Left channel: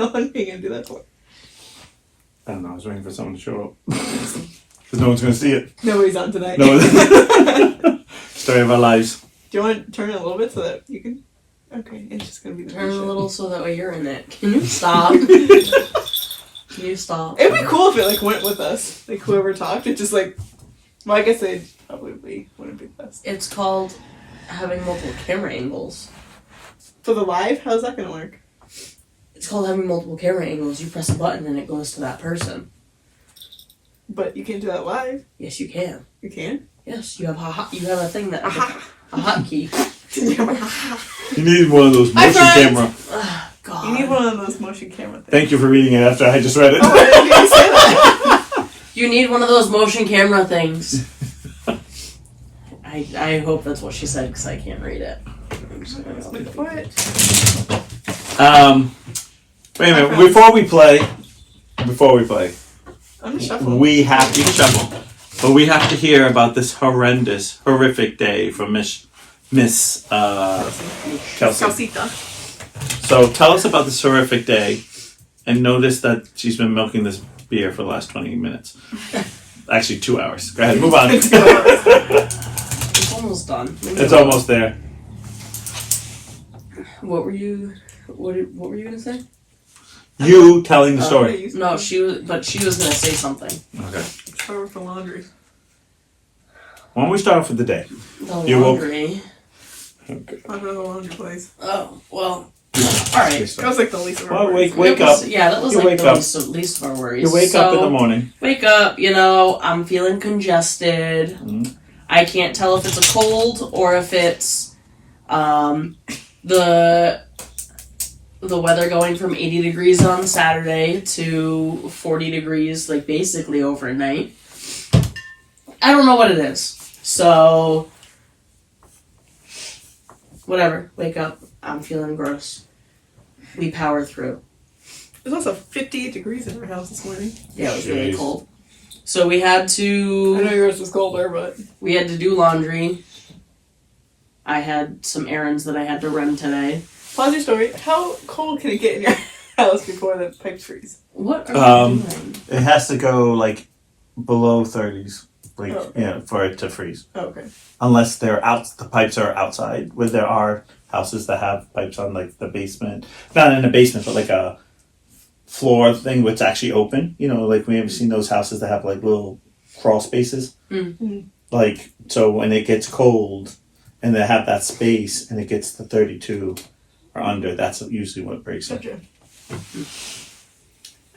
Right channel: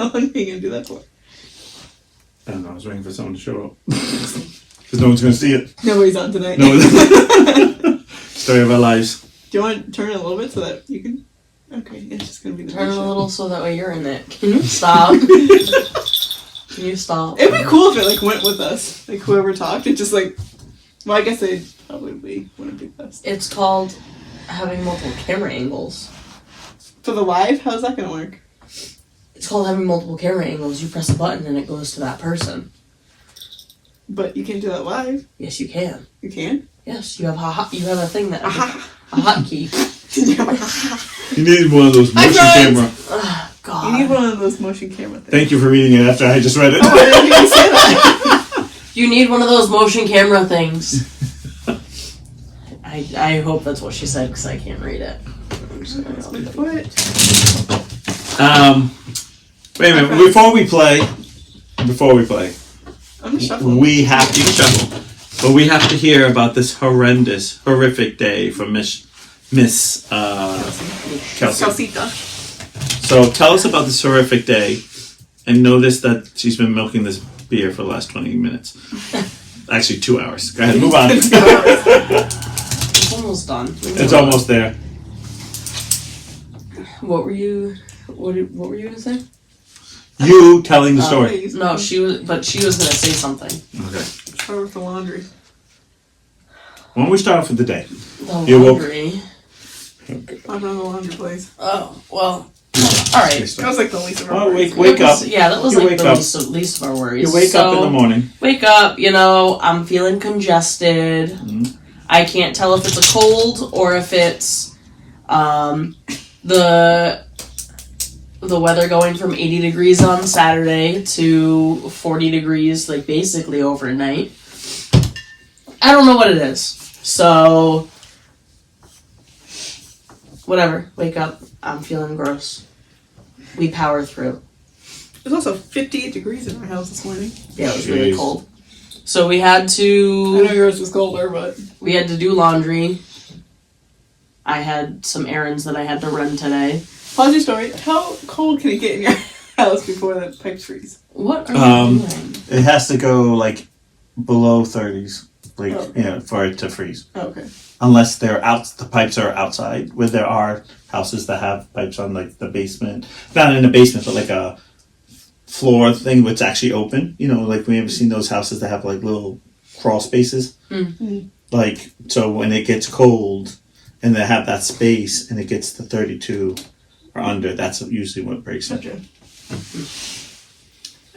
How long are you going to do that for? I don't know. I was waiting for someone to show up. Because no one's going to see it. Nobody's on tonight. Story of our lives. Do you want to turn it a little bit so that you can... Okay, it's just going to be the Turn it a show. little so that way you're in it. Can you stop? Can you stop? It'd be cool if it like went with us. Like whoever talked, it just like... Well, I guess they probably wouldn't be best. It's called having multiple camera angles. For the live, how's that going to work? It's called having multiple camera angles. You press a button and it goes to that person. But you can't do that live. Yes, you can. You can? Yes, you have a thing that... A hotkey. You need one of those motion camera. Oh, God. You need one of those motion camera things. Thank you for reading it after I just read it. Oh, I didn't hear you say that. You need one of those motion camera things. I hope that's what she said because I can't read it. Wait a minute. Before we play, I'm just shuffling. we have to shuffle. But we have to hear about this horrific day from Miss Kelsey. Calcita. So tell us about this horrific day, and notice that she's been milking this beer for the last 20 minutes. Actually, 2 hours. Go ahead, move on. It's almost done. It's almost there. What were you gonna say? You telling the story. No, she was gonna say something. Okay. Start with the laundry. Why don't we start off with the day? The You woke- laundry. Talk about the laundry place. Oh, well. Alright. That was like the least of our Well, worries. wake up. Yeah, that was You like wake the up. least of our worries. You wake up in the morning. Wake up, I'm feeling congested. Mm-hmm. I can't tell if it's a cold or if it's the weather going from 80 degrees on Saturday to 40 degrees, like basically overnight. I don't know what it is. So, whatever. Wake up. I'm feeling gross. We power through. It was also 58 degrees in our house this morning. Yeah, it was really Jeez. cold. So we had I to know yours was colder, but... do laundry. I had some errands that I had to run today. Pause your story. How cold can it get in your house before the pipes freeze? What are you doing? It has to go like below 30s, Oh. for it to freeze. Oh, okay. Unless the pipes are outside, where there are houses that have pipes on like the basement, not in the basement, but like a floor thing which actually open. Like we ever seen those houses that have like little crawl spaces. Mm-hmm. Like, so when it gets cold and they have that space and it gets to 32 or under, that's usually what breaks it. Gotcha.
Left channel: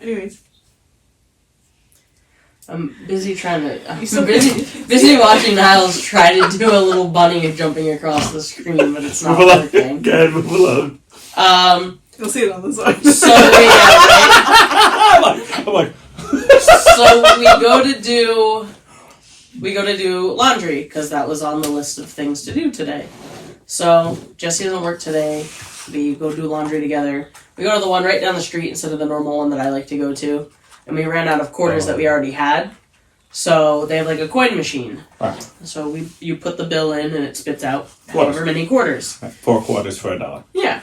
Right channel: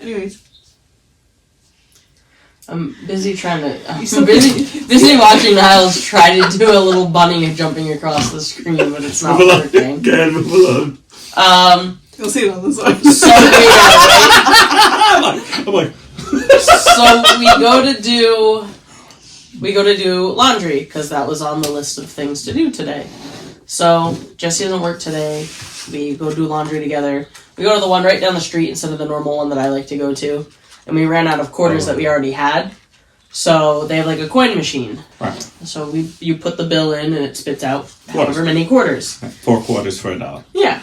Anyways. I'm busy busy watching Niles try to do a little bunny jumping across the screen, but it's not working. Go ahead, move along. You'll see it on the side. So I'm like, we go to do laundry because that was on the list of things to do today. So Jesse doesn't work today. We go do laundry together. We go to the one right down the street instead of the normal one that I like to go to. And we ran out of quarters that we already had. So they have like a coin machine. Right. So you put the bill in and it spits out however many quarters. 4 quarters for $1. Yeah.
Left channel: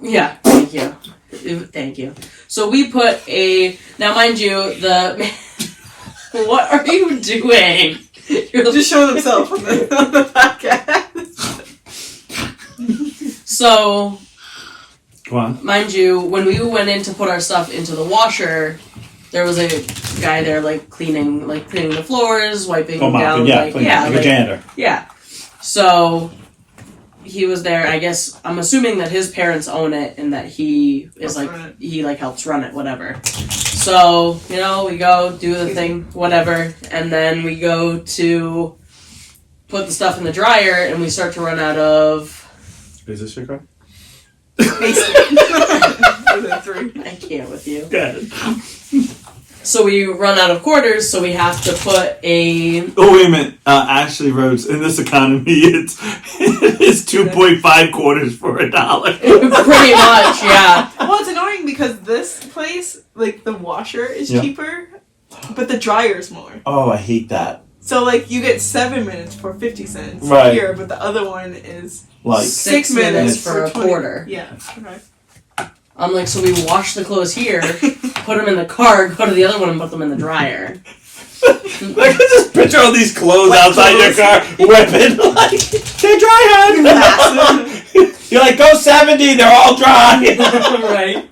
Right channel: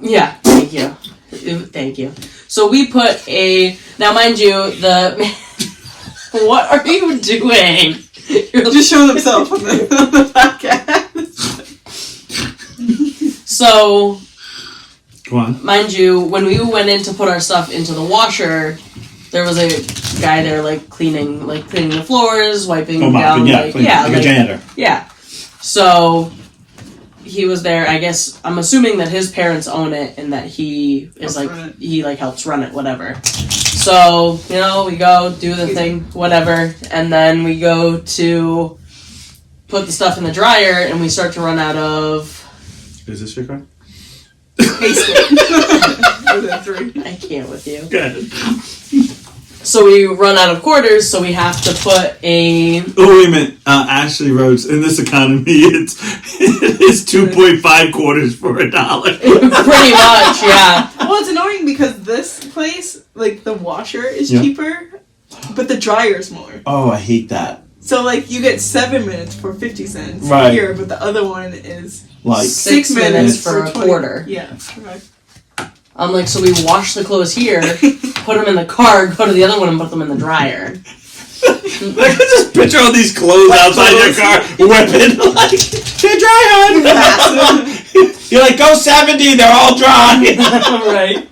Yeah, thank you. Thank you. So we put now mind you, what are you doing? You're just showing himself on the podcast. So, Go on. mind you, when we went in to put our stuff into the washer, there was a guy there cleaning the floors, wiping down. Like a janitor. Yeah. So he was there. I guess I'm assuming that his parents own it and that he is helps run it, whatever. So we go do the thing, whatever, and then we go to put the stuff in the dryer, and we start to run out of. Is this your car? I can't with you. Go ahead. So we run out of quarters, so we have to put a... Oh, wait a minute. Ashley Rhodes, in this economy, it's 2.5 quarters for $1. Pretty much, yeah. Well, it's annoying because this place, the washer is cheaper, but the dryer's more. Oh, I hate that. So, you get 7 minutes for 50 cents here, but the other one is 6 minutes for a 20. quarter. Yeah. Okay. I'm like, so we wash the clothes here, put them in the car, go to the other one and put them in the dryer. Like, just picture all these clothes outside your car, whipping, like, they're dry, hon. You're like, go 70, they're all dry. Right.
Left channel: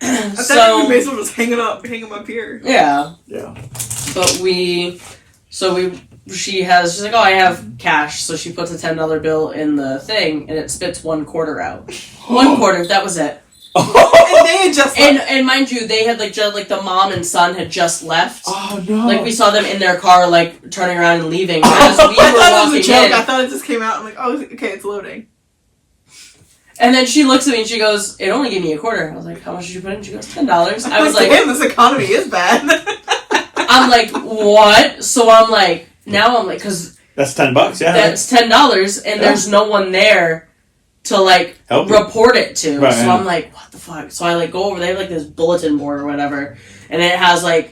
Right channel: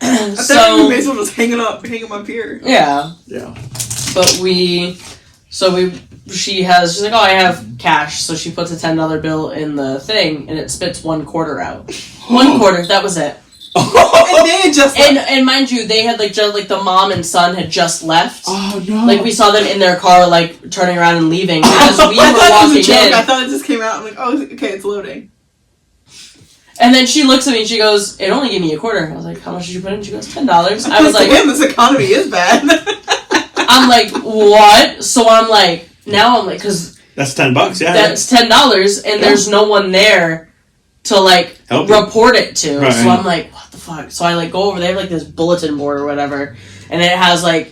I thought we may as well just hang them up here. Yeah. Yeah. But she's like, oh, I have cash, so she puts a $10 bill in the thing, and it spits $1 out. $1, that was it. And they had just left. And mind you, they had just the mom and son had just left. Oh no! Like we saw them in their car, like turning around and leaving. As we were I thought it was a walking joke. in, I thought it just came out. I'm like, oh, okay, it's loading. and then she looks at me and she goes, "It only gave me $1." I was like, "How much did you put in?" She goes, $10. I was like, "Damn, this economy is bad." I'm like, what? So I'm like, now I'm like, because that's $10. Yeah, that's $10, and there's no one there to like help you. report it to. Right, so right. I'm like, what the fuck? So I like go over. They have like this bulletin board or whatever, and it has like,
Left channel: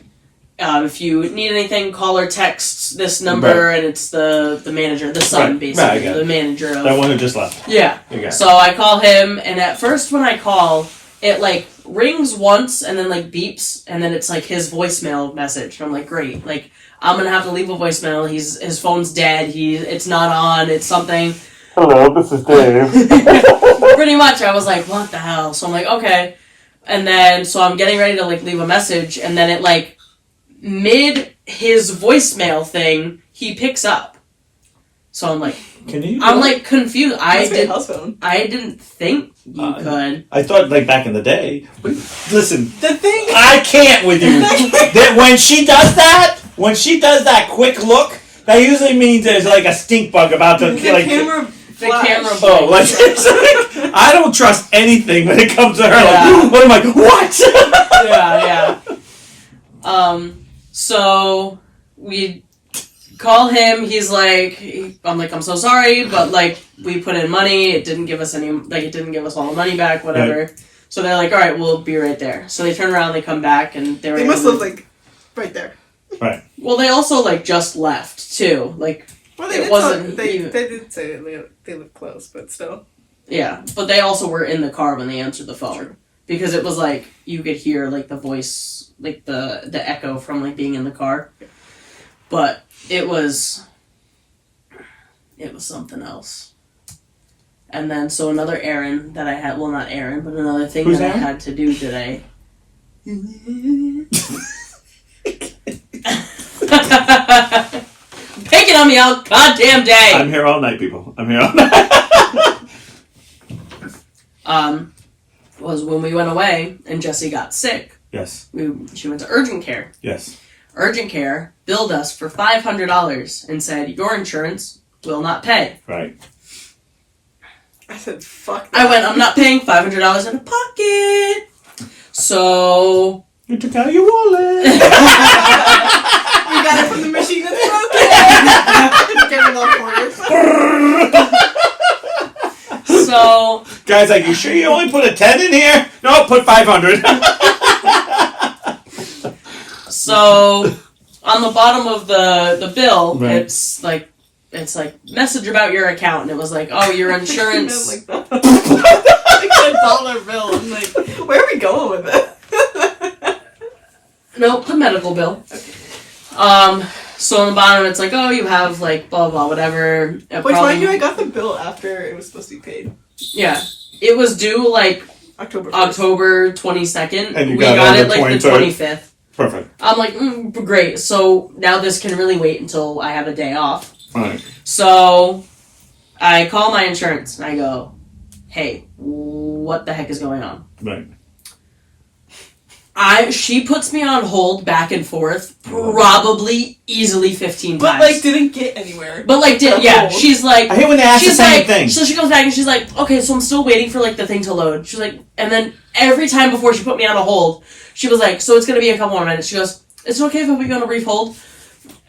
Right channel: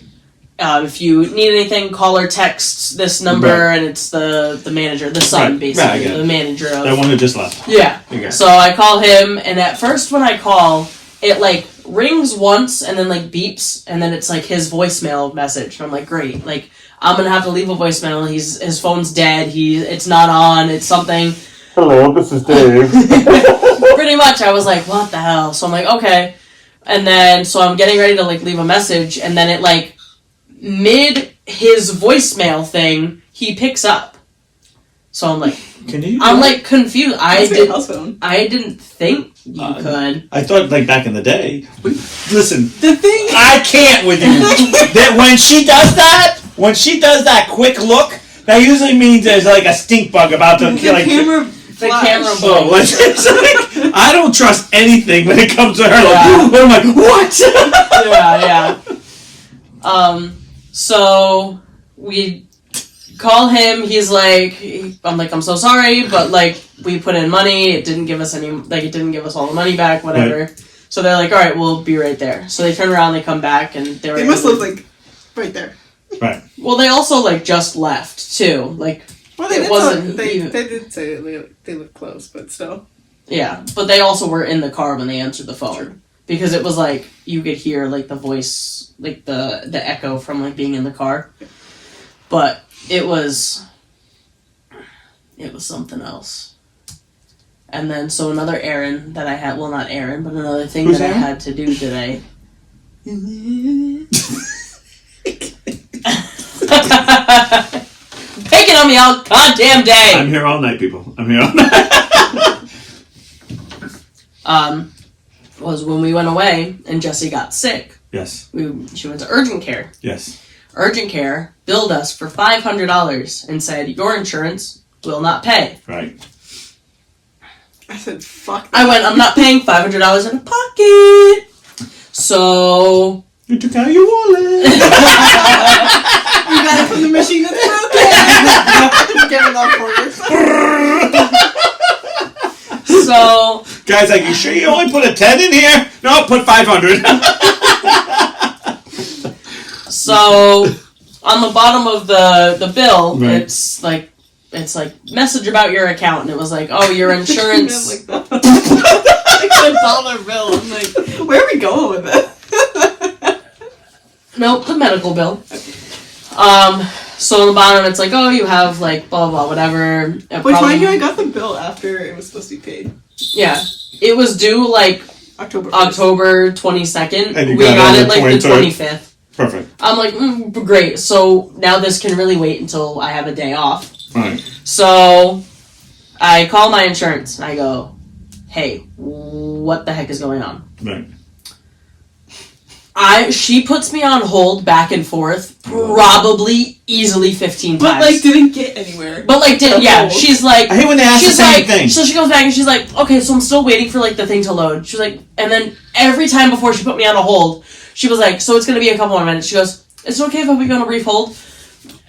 if you need anything, call or text this number, Right. and it's the manager, the son, Right, basically, right, I get it. the manager of That one who just left. Yeah. Okay. So I call him, and at first when I call, it like rings once and then like beeps, and then it's like his voicemail message. I'm like, great. Like I'm gonna have to leave a voicemail. His phone's dead. It's not on. It's something. Hello, this is Dave. Pretty much, I was like, what the hell? So I'm like, okay. And then so I'm getting ready to like leave a message, and then it like mid his voicemail thing, he picks up. So I'm like, I'm like confused. I didn't think you could. I thought like back in the day. Listen, The thing. I can't with you. That when she does that quick look, that usually means there's like a stink bug about to The like. camera. The camera. Oh, like, it's like, I don't trust anything when it comes to her. Yeah. Like, what am I? What? Yeah. So we call him. He's like, I'm like, I'm so sorry, but like, we put in money. It didn't give us it didn't give us all the money back, whatever. Right. So they're like, all right, we'll be right there. So they turn around, they come back, and They must live like right there. Right. Well, they also like just left too. Like, Well, they it did wasn't they even- did say they live close, but still. yeah, but they also were in the car when they answered the phone. True. Because it was like you could hear like the voice, like the echo from like being in the car. But it was something else. And then so another errand that I had, well not errand, but another thing Who's that Aaron? I had to do today. Picking on me all goddamn day. I'm here all night, people. I'm here all night. Was when we went away and Jessie got sick. Yes. She went to urgent care. Yes. Urgent care billed us for $500 and said, your insurance will not pay. Right. I said, fuck that. I went, I'm not paying $500 out of pocket. So... You took out your wallet. You got it from the machine that's broken. Get it off quarters. So... Guys, like, you sure you only put a 10 in here? No, put 500. So, on the bottom of the bill, Right. it's like message about your account, and it was like, oh, your insurance. like that. Like $1 bill. I'm like, where are we going with this? Nope, the medical bill. So on the bottom, it's like, oh, you have like blah blah whatever. Which, mind you, I got the bill after it was supposed to be paid. Yeah, it was due like October 1st. October 22nd. And you We got got it it on like the 23rd. 25th. Perfect. I'm like, great. So now this can really wait until I have a day off. All right. So I call my insurance and I go, hey, what the heck is going on? Right. She puts me on hold back and forth, probably easily 15 But, times. like, didn't get anywhere. But like, Yeah. she's like, I hate when they ask the she's same like, thing. so she comes back and she's like, okay, so I'm still waiting for like the thing to load. She's like, and then every time before she put me on a hold, she was like, so it's gonna be a couple more minutes. She goes, it's okay if we go on a brief hold.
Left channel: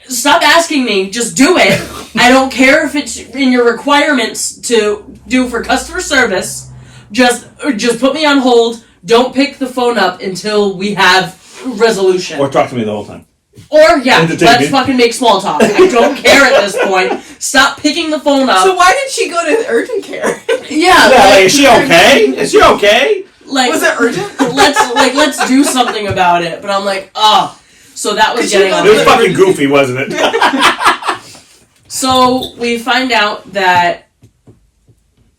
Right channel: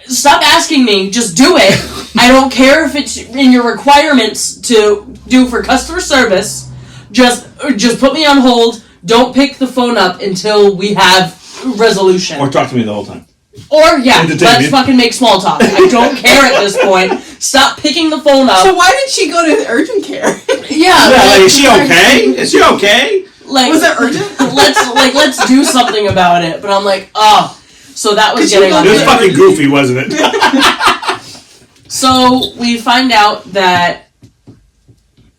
Stop asking me, just do it. I don't care if it's in your requirements to do for customer service. Just put me on hold. Don't pick the phone up until we have resolution. Or talk to me the whole time. Or yeah, Entertain let's me. fucking make small talk. I don't care at this point. Stop picking the phone up. So why did she go to urgent care? Yeah, Yeah, like, is she okay? Is she okay? like, Was it urgent? let's do something about it. But I'm like, oh. So that was Could you getting go on to It was my fucking goofy, wasn't it? So we find out that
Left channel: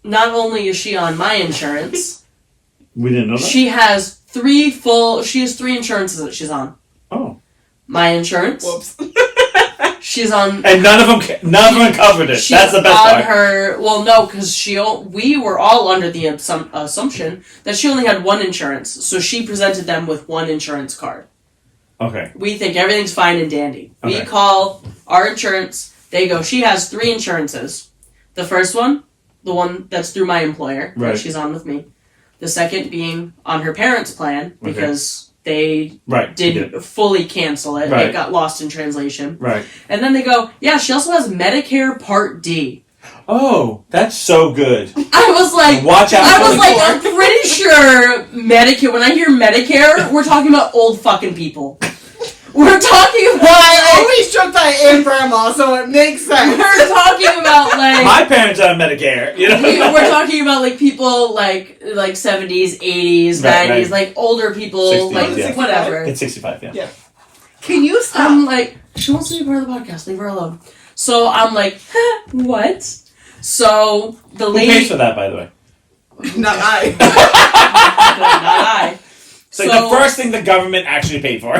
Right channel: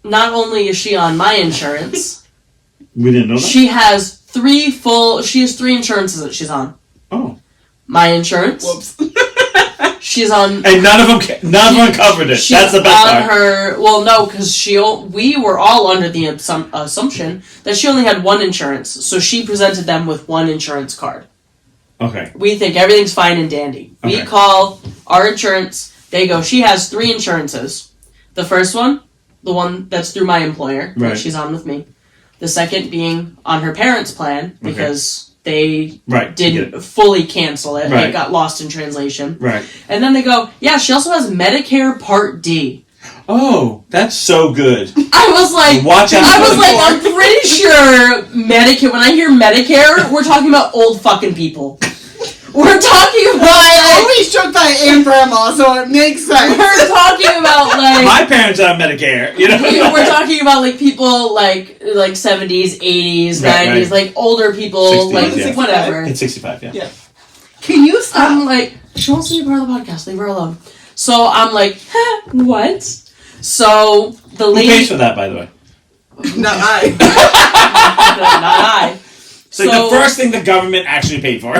not only is she on my insurance, We didn't know that? she has three insurances that she's on. Oh. My insurance. Whoops. She's on. And none of them covered it. She's That's the best on part. her. Well, no, because we were all under the assumption that she only had one insurance, so she presented them with one insurance card. Okay. We think everything's fine and dandy. Okay. We call our insurance. They go, she has three insurances. The first one, the one that's through my employer, Right. that she's on with me. The second being on her parents' plan, because they didn't fully cancel it. Right. It got lost in translation. Right. And then they go, yeah, she also has Medicare Part D. Oh, that's so good. I was like, Watch out. I'm pretty sure Medicare, when I hear Medicare, we're talking about old fucking people. We're talking about... I always joke that I am grandma, so it makes sense. We're talking about, like... My parents are on Medicare, you know? We're talking about, like, people, like 70s, 80s, Right, 90s, right. like, older people, 60s, like, yeah. whatever. It's 65, yeah. Yeah. Can you stop? I'm like, she wants to be part of the podcast, leave her alone. So I'm like, what? So the Who lady... pays for that, by the way? Not I. Not I. It's like the first thing the government actually paid for.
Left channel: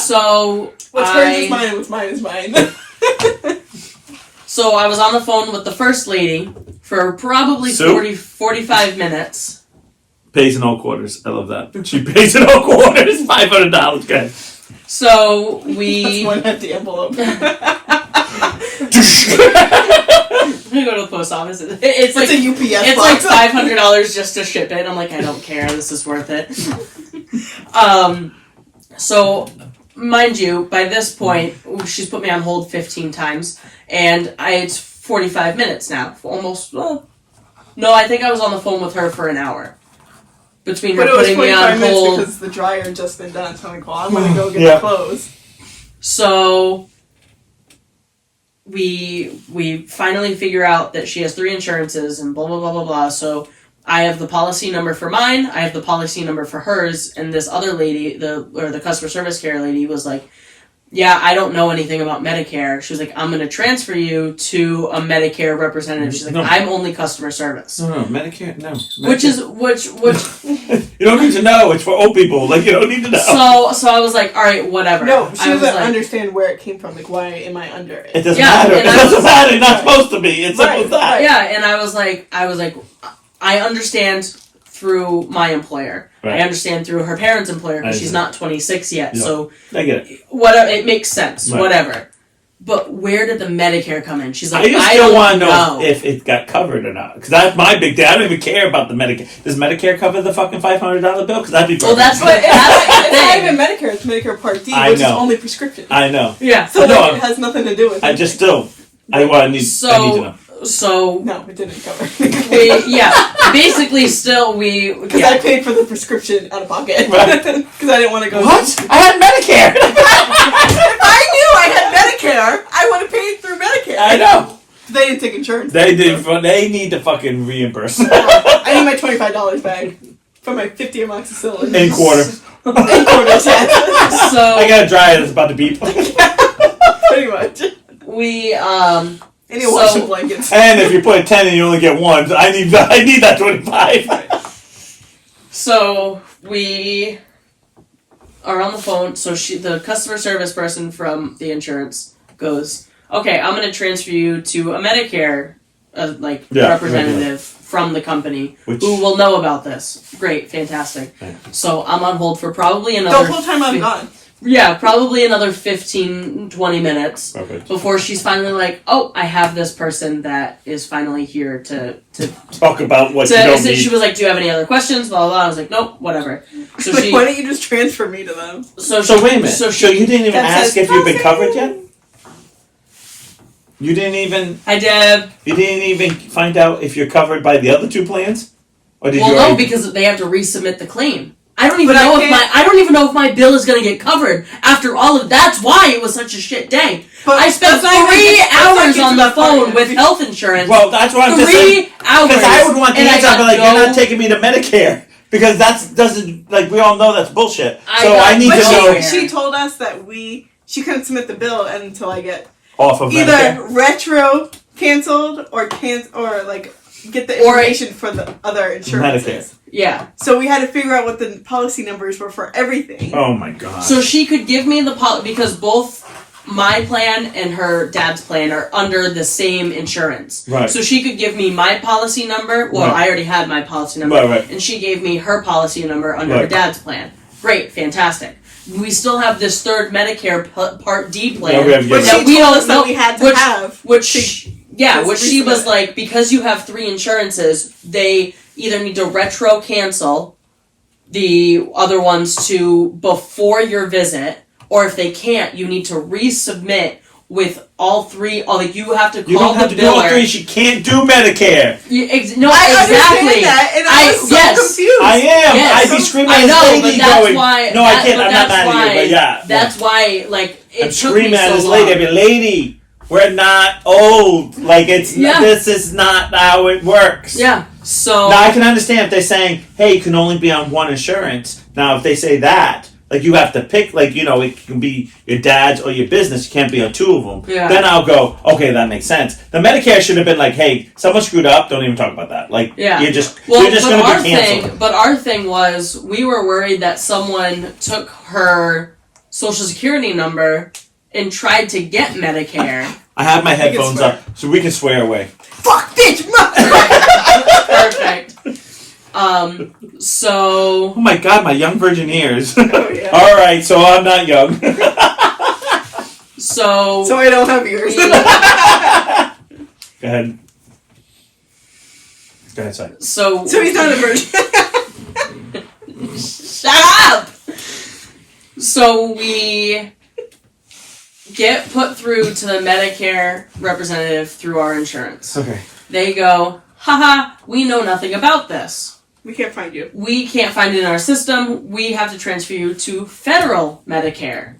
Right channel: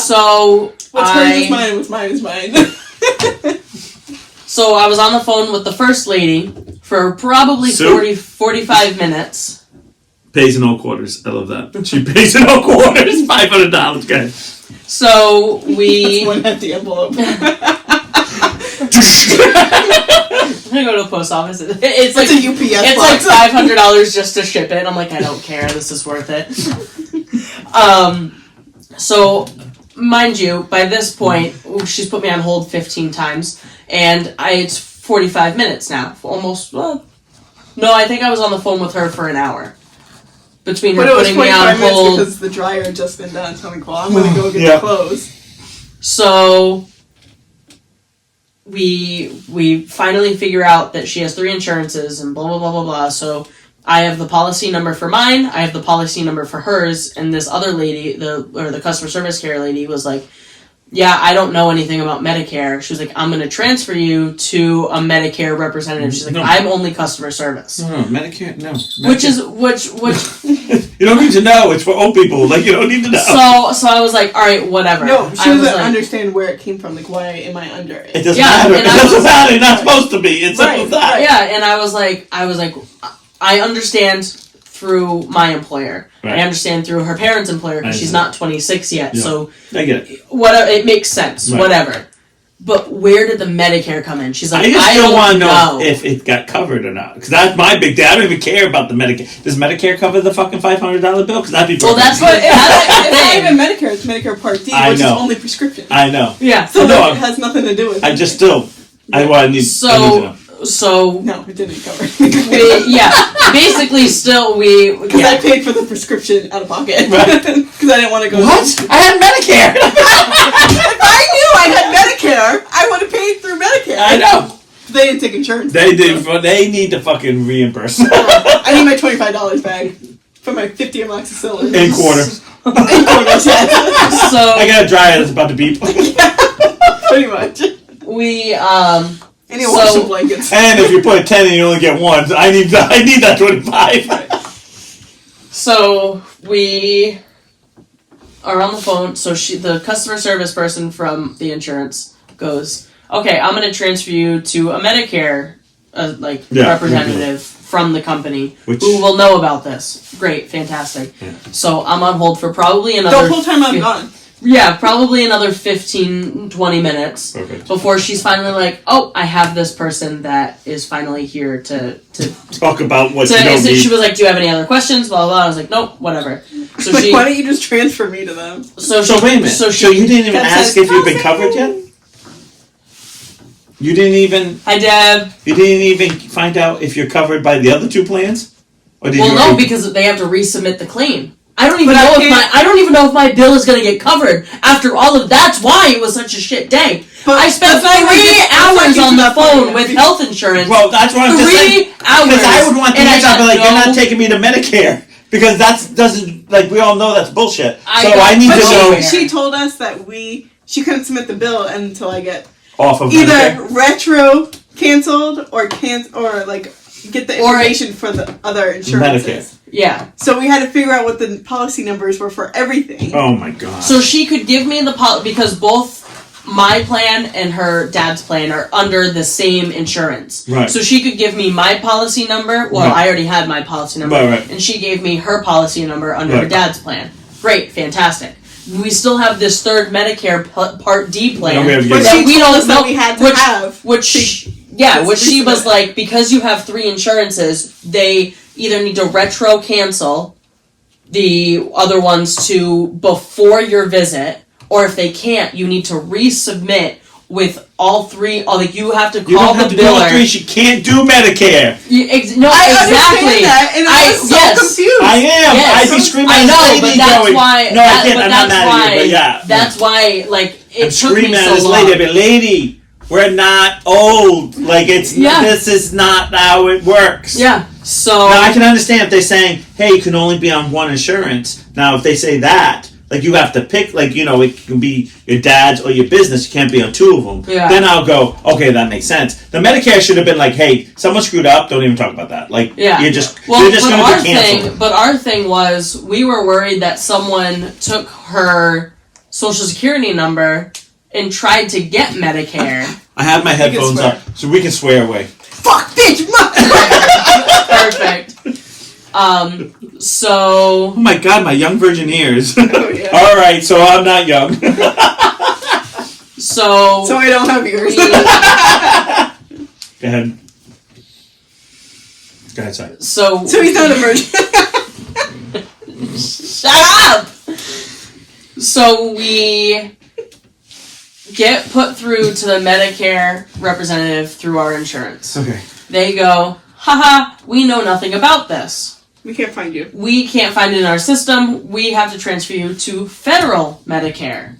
So What's hers is mine, what's mine is mine. So I was on the phone with the first lady for probably 45 minutes. Pays in all quarters. I love that. She pays in all quarters. $500. Good. So we... That's one empty envelope. I'm gonna go to the post office. It's like a UPS it's box. like $500 just to ship it. I'm like, I don't care. This is worth it. So, mind you, by this point, she's put me on hold 15 times, and it's 45 minutes now. Almost. Well, no, I think I was on the phone with her for an hour. Between her But it was putting me 45 on minutes hold. because the dryer had just been done. So I'm like, well, I'm gonna go get the clothes. So we finally figure out that she has three insurances and blah blah blah blah blah. So I have the policy number for mine, I have the policy number for hers, and this other lady, the customer service care lady, was like, yeah, I don't know anything about Medicare. She was like, I'm going to transfer you to a Medicare representative. She's like, No. I'm only customer service. No, Medicare, no. Which Medicare. You don't need to know. It's for old people. Like, you don't need to know. So I was like, all right, whatever. No, she I was doesn't like, understand where it came from. Like, why am I under it? It doesn't Yeah, matter. It and I doesn't was- matter. You're not supposed to be. It's simple as that. Yeah, and I was like, I understand through my employer. Right. I understand through her parents' employer because she's not 26 yet. Yeah. So I get it. whatever, it makes sense. Right. Whatever. But where did the Medicare come in? She's like, I just I still don't want to know know. if it got covered or not. Because that's my big thing. I don't even care about the Medicare. Does Medicare cover the fucking $500 bill? Because that'd be Well, perfect. that's But That's it's not the even Medicare. It's Medicare Part D, I which know. is only prescription. I know. yeah. So No, like, it has nothing to do with. I just still. I need to know. So No, it didn't cover. basically, still Because I paid for the prescription out of pocket. Right. Because I didn't want to go. What? I had Medicare. If I knew I had Medicare, I would have paid through Medicare. I know. They didn't take insurance. They did. They need to fucking reimburse. I need my $25 back for my 50 amoxicillin. In quarters. In quarters, yes. So I got a dryer that's about to beep. Pretty much. we I need to wash some blankets. And if you put a 10 and you only get one, I need that 25. So we are on the phone. So the customer service person from the insurance goes, "Okay, I'm going to transfer you to a Medicare representative from the company who will know about this." Great, fantastic. Yeah. So I'm on hold for probably another. The whole time I'm gone. Yeah, probably another 15, 20 minutes Perfect. before she's finally like, "Oh, I have this person that is finally here to Talk about what you don't need. She was like, "Do you have any other questions?" Blah blah. blah. I was like, "Nope, whatever." So Like, why don't you just transfer me to them? So wait a minute. So So you didn't even That ask says if you've been coffee. covered yet? You didn't even. Hi, Deb. You didn't even find out if you're covered by the other two plans, or did Well, you? no, already- because they have to resubmit the claim. I don't even But I know can't- I don't even know if my bill is going to get covered after all of. That's why it was such a shit day. But I spent that's not even 3 get- that's not hours get on to the that point phone yet. with health insurance. Well, that's what I'm just 3 saying. hours. Because I would want the and I answer. I'd be got like, no- "You're not taking me to Medicare." Because that doesn't, like, we all know that's bullshit. I So got- I need But to know she told us that she couldn't submit the bill until I get off of either Medicare. retro canceled or like get the Or- information for the other insurances. Medicare. Yeah. So we had to figure out what the policy numbers were for everything. Oh my god. So she could give me the because both my plan and her dad's plan are under the same insurance. Right. So she could give me my policy number. Well, Right. I already had my policy number. Right. And she gave me her policy number under her Right. dad's plan. Great, fantastic. We still have this third Medicare Part D plan. Yeah, we have to But get she we told don't us that know- we had to which- have. Which Just she was resubmit. like, because you have 3 insurances, they either need to retro cancel the other ones to before your visit, or if they can't, you need to resubmit with all 3. Or like you have to You call don't have the to do all biller. 3. She can't do Medicare. No, I exactly. understand that, and I was so yes. confused. I am. Yes. I'd be screaming I at know, this but lady that's going, why. no, I can't. I'm not mad at you, but yeah. That's why, like, it I'm took screaming me at so this long. lady. I'd be, lady, we're not old. Like, it's Yeah. this is not how it works. Yeah. So Now, I can understand if they're saying, hey, you can only be on one insurance. Now, if they say that, like, you have to pick, like, you know, it can be your dad's or your business. You can't be on 2 of them. Yeah. Then I'll go, okay, that makes sense. The Medicare should have been like, hey, someone screwed up. Don't even talk about that. Like, Yeah. you're just Well, going but to be canceled. But our thing was, we were worried that someone took her social security number and tried to get Medicare. I have my headphones swear. up, so we can swear away. Fuck, bitch, Perfect. So Oh my god, my young virgin ears. Oh, yeah. All right, so I'm not young. so So I don't have yours. Go ahead. Go ahead, sorry. so So he's not a virgin. shut up. So we get put through to the Medicare representative through our insurance. Okay. They go, haha, we know nothing about this. We can't find you. We can't find it in our system. We have to transfer you to federal Medicare.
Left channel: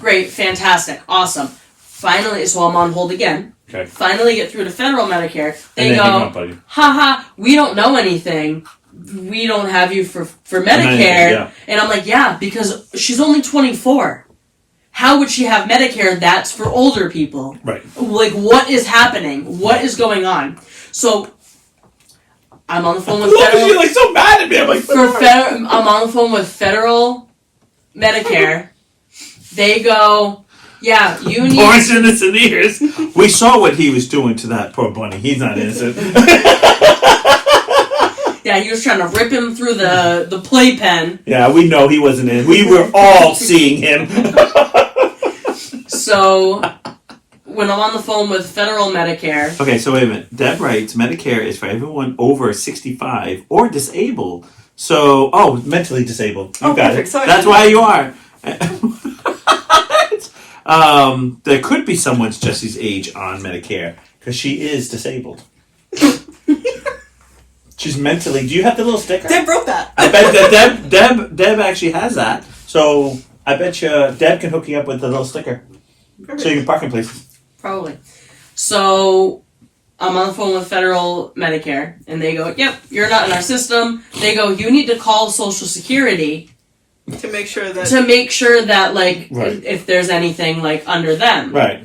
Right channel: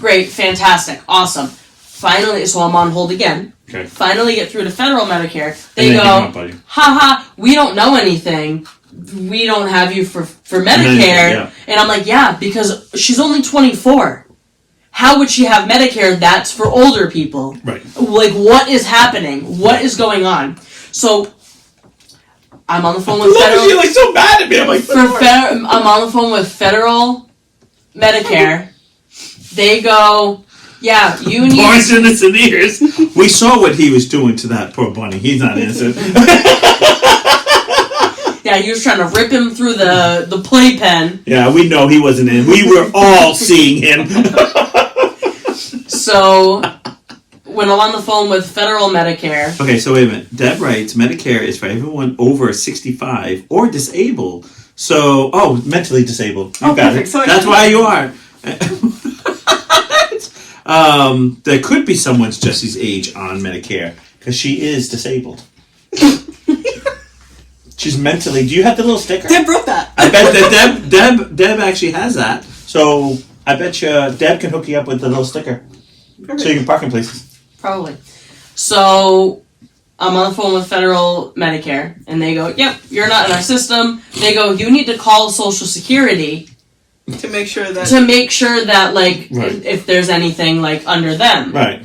Great, fantastic, awesome. Finally, so I'm on hold again. Okay. Finally get through to federal Medicare. They And then hang go, up on you. haha, we don't know anything. We don't have you for Medicare. anything, yeah. And I'm like, yeah, because she's only 24. How would she have Medicare that's for older people? Right. Like, what is happening? What is going on? So, I'm on the phone with Look federal... at you, like, so mad at me. I'm like, I'm on the phone with federal Medicare. They go, yeah, you need... Boris innocent ears. We saw what he was doing to that poor bunny. He's not innocent. Yeah, he was trying to rip him through the playpen. Yeah, we know he wasn't in. We were all seeing him. So, when I'm on the phone with federal Medicare... Okay, so wait a minute. Deb writes, Medicare is for everyone over 65 or disabled. So, mentally disabled. You Oh, got perfect. it. So I That's can- why you are. There could be someone's Jesse's age on Medicare because she is disabled. She's mentally. Do you have the little sticker? Deb wrote that. I bet that Deb actually has that. So I bet you Deb can hook you up with the little sticker so you can park in places. Probably. So, I'm on the phone with federal Medicare, and they go, yep, you're not in our system. They go, you need to call Social Security To make sure that... like, Right. if there's anything, like, under them. Right.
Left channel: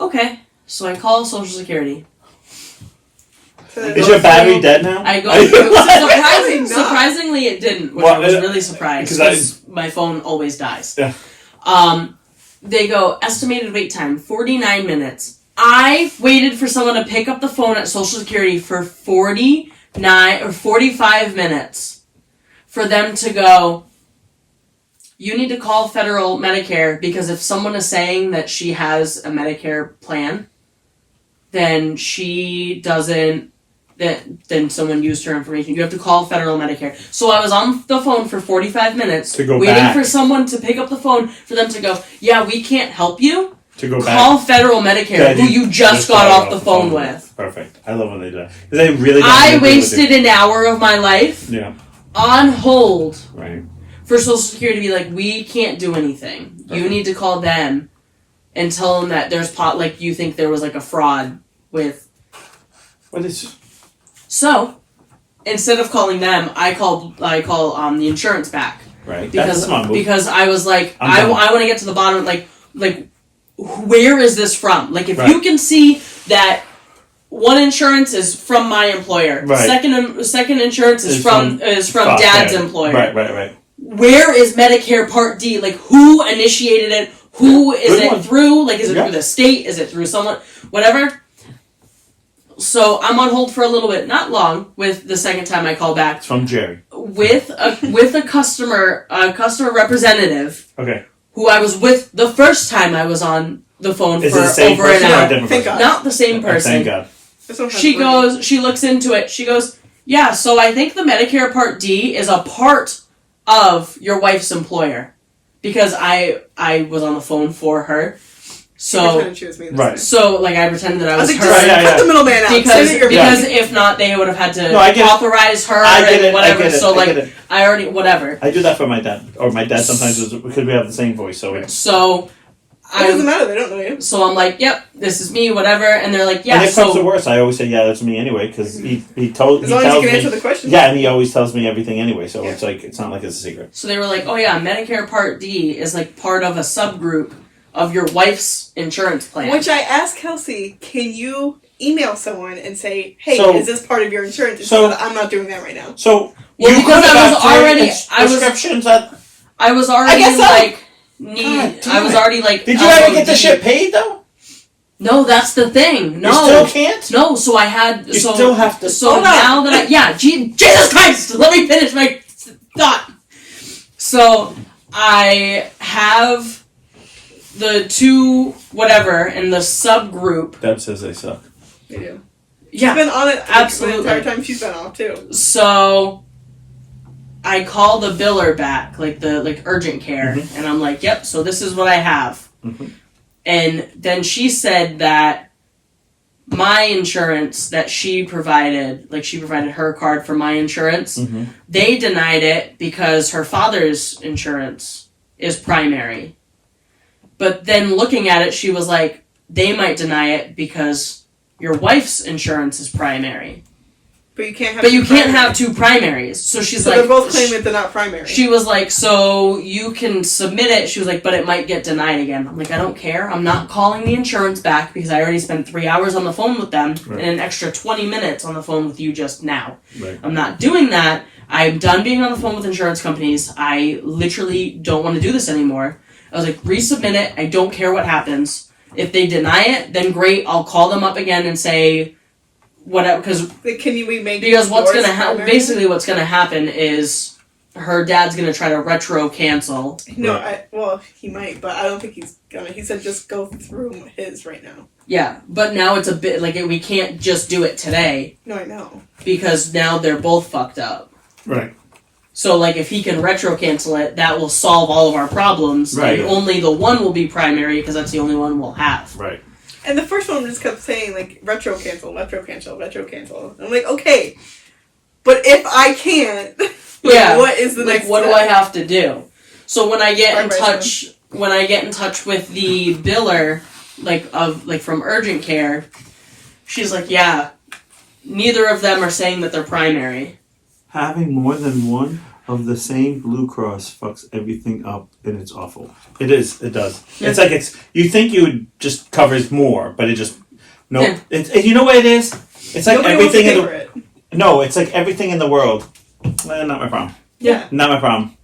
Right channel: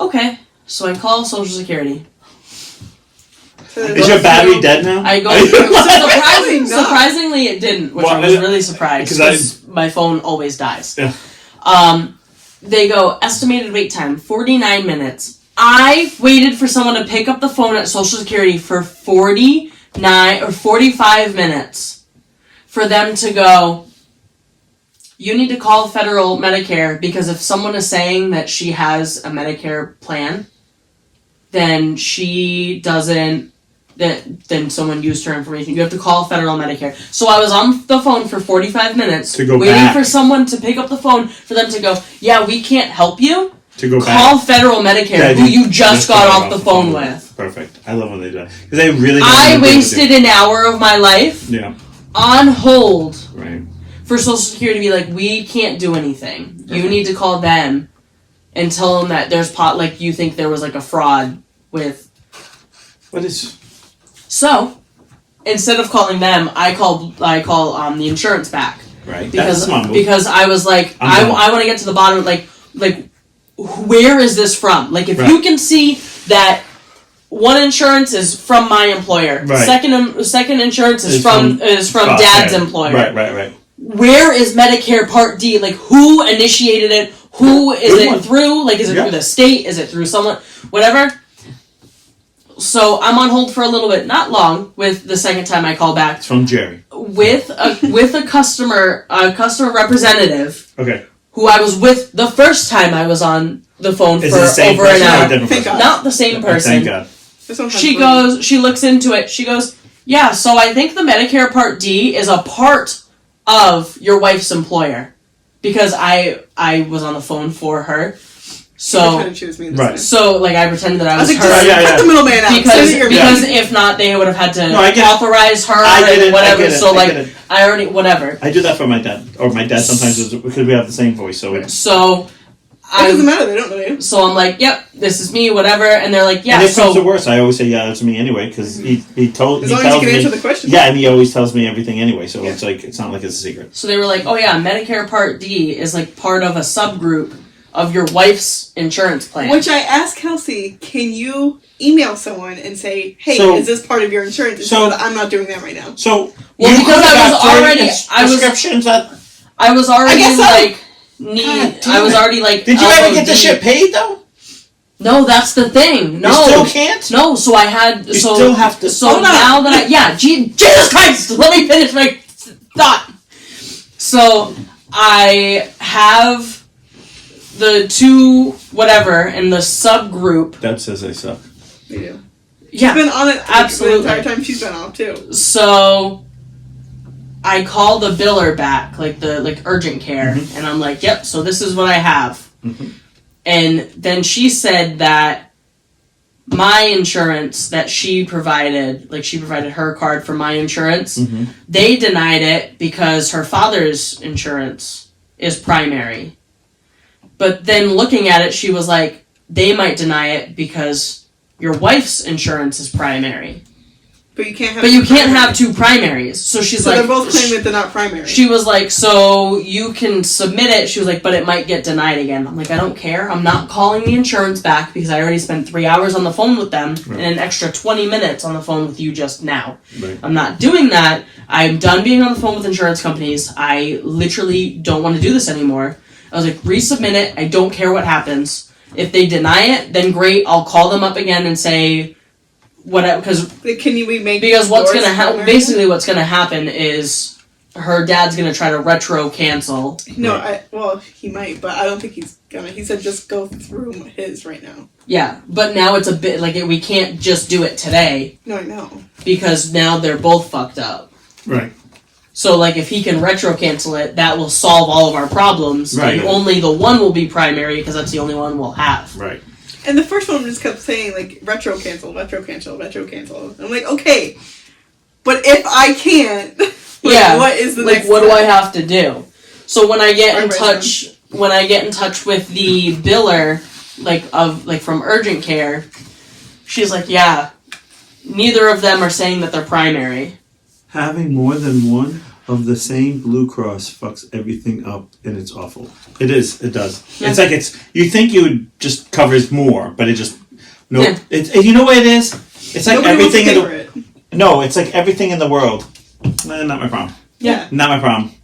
Okay. So I call Social Security. Is your battery dead now? I go, Surprisingly not. surprisingly it didn't, which Well, I was really surprised, 'cause I- because my phone always dies. Yeah. They go, estimated wait time, 49 minutes. I waited for someone to pick up the phone at Social Security for 49 or 45 minutes for them to go, you need to call federal Medicare, because if someone is saying that she has a Medicare plan, then she doesn't, then someone used her information. You have to call federal Medicare. So I was on the phone for 45 minutes To go waiting back. for someone to pick up the phone for them to go, yeah, we can't help you. To go back. Call federal Medicare, Yeah, who you just got off the phone with. Perfect. I love when they do that. Because they really don't I agree with wasted an hour of my life you. Yeah, on hold right. for Social Security to be like, we can't do anything. You Perfect. need to call them and tell them that there's like you think there was like a fraud with. What is... So, instead of calling them, I call the insurance back. Right. That's a smart move. Because I was like, I want to get to the bottom of like where is this from? Like if you can see that one insurance is from my employer, right. Second insurance is from Dad's employer. Right. Where is Medicare Part D? Like who initiated it? Who is it through? Like is it through the state? Is it through someone? Whatever. So I'm on hold for a little bit, not long, with the second time I call back. It's from Jerry. With a customer representative. Okay. Who I was with the first time I was on the phone is for it the same over person an or a hour. different person? Not the same person. Thank God. She looks into it. She goes, yeah, so I think the Medicare Part D is a part of your wife's employer. Because I was on the phone for her. So, right. So, like, I pretended that I was her. Cut the middleman out. Because if not, they would have had to authorize her and whatever. I already, whatever. I do that for my dad. Or my dad sometimes, because we have the same voice. So, it doesn't matter. They don't know you. So I'm like, yep, this is me, whatever. And they're like, yeah. And if it comes to worse, I always say, yeah, that's me anyway. Because he told as long as you can answer the question. Yeah, and he always tells me everything anyway. So it's like, it's not like it's a secret. So they were like, oh yeah, Medicare Part D is like part of a subgroup of your wife's insurance plan. Which I asked Kelsey, can you email someone and say, hey, is this part of your insurance? I'm not doing that right now. So, because I was already did you ever get the shit paid though? No, that's the thing. No. You still can't? No, so I had... You still have to... So now that Jesus Christ! Let me finish my thought. So, I have the two, whatever, in the subgroup. Deb says they suck. They do. Yeah. She's been on it absolutely. the entire time she's been off, too. So... I call the biller back, like urgent care, and I'm like, yep, so this is what I have. And then she said that my insurance that she provided, like she provided her card for my insurance, they denied it because her father's insurance is primary. But then looking at it, she was like, they might deny it because your wife's insurance is primary. But you can't have two primaries. So she's like... So they're both claiming that they're not primary. She was like, so you can submit it. She was like, but it might get denied again. I'm like, I don't care. I'm not calling the insurance back because I already spent 3 hours on the phone with them and an extra 20 minutes on the phone with you just now. Right. I'm not doing that. I'm done being on the phone with insurance companies. I literally don't want to do this anymore. I was like, resubmit it. I don't care what happens. If they deny it, then great. I'll call them up again and say... what's gonna happen? Basically, what's gonna happen is her dad's gonna try to retro cancel. No, he might, but I don't think he's gonna. He said just go through his right now. Yeah, but now it's a bit like we can't just do it today. No, I know because now they're both fucked up. Right. So like if he can retro cancel it, that will solve all of our problems. Right. And only the one will be primary because that's the only one we'll have. Right. And the first one just kept saying, like, retro cancel. And I'm like, okay. But if I can't, what is the next what step? do I have to do? So when I get in touch with the biller, from urgent care, she's like, yeah, neither of them are saying that they're primary. Having more than one of the same Blue Cross fucks everything up, and it's awful. It is. It does. It's like you think you would just covers more, but it just nope. Yeah. You know what it is? It's like nobody everything wants to pay for it. No, it's like everything in the world. Not my problem. Yeah. Not my problem.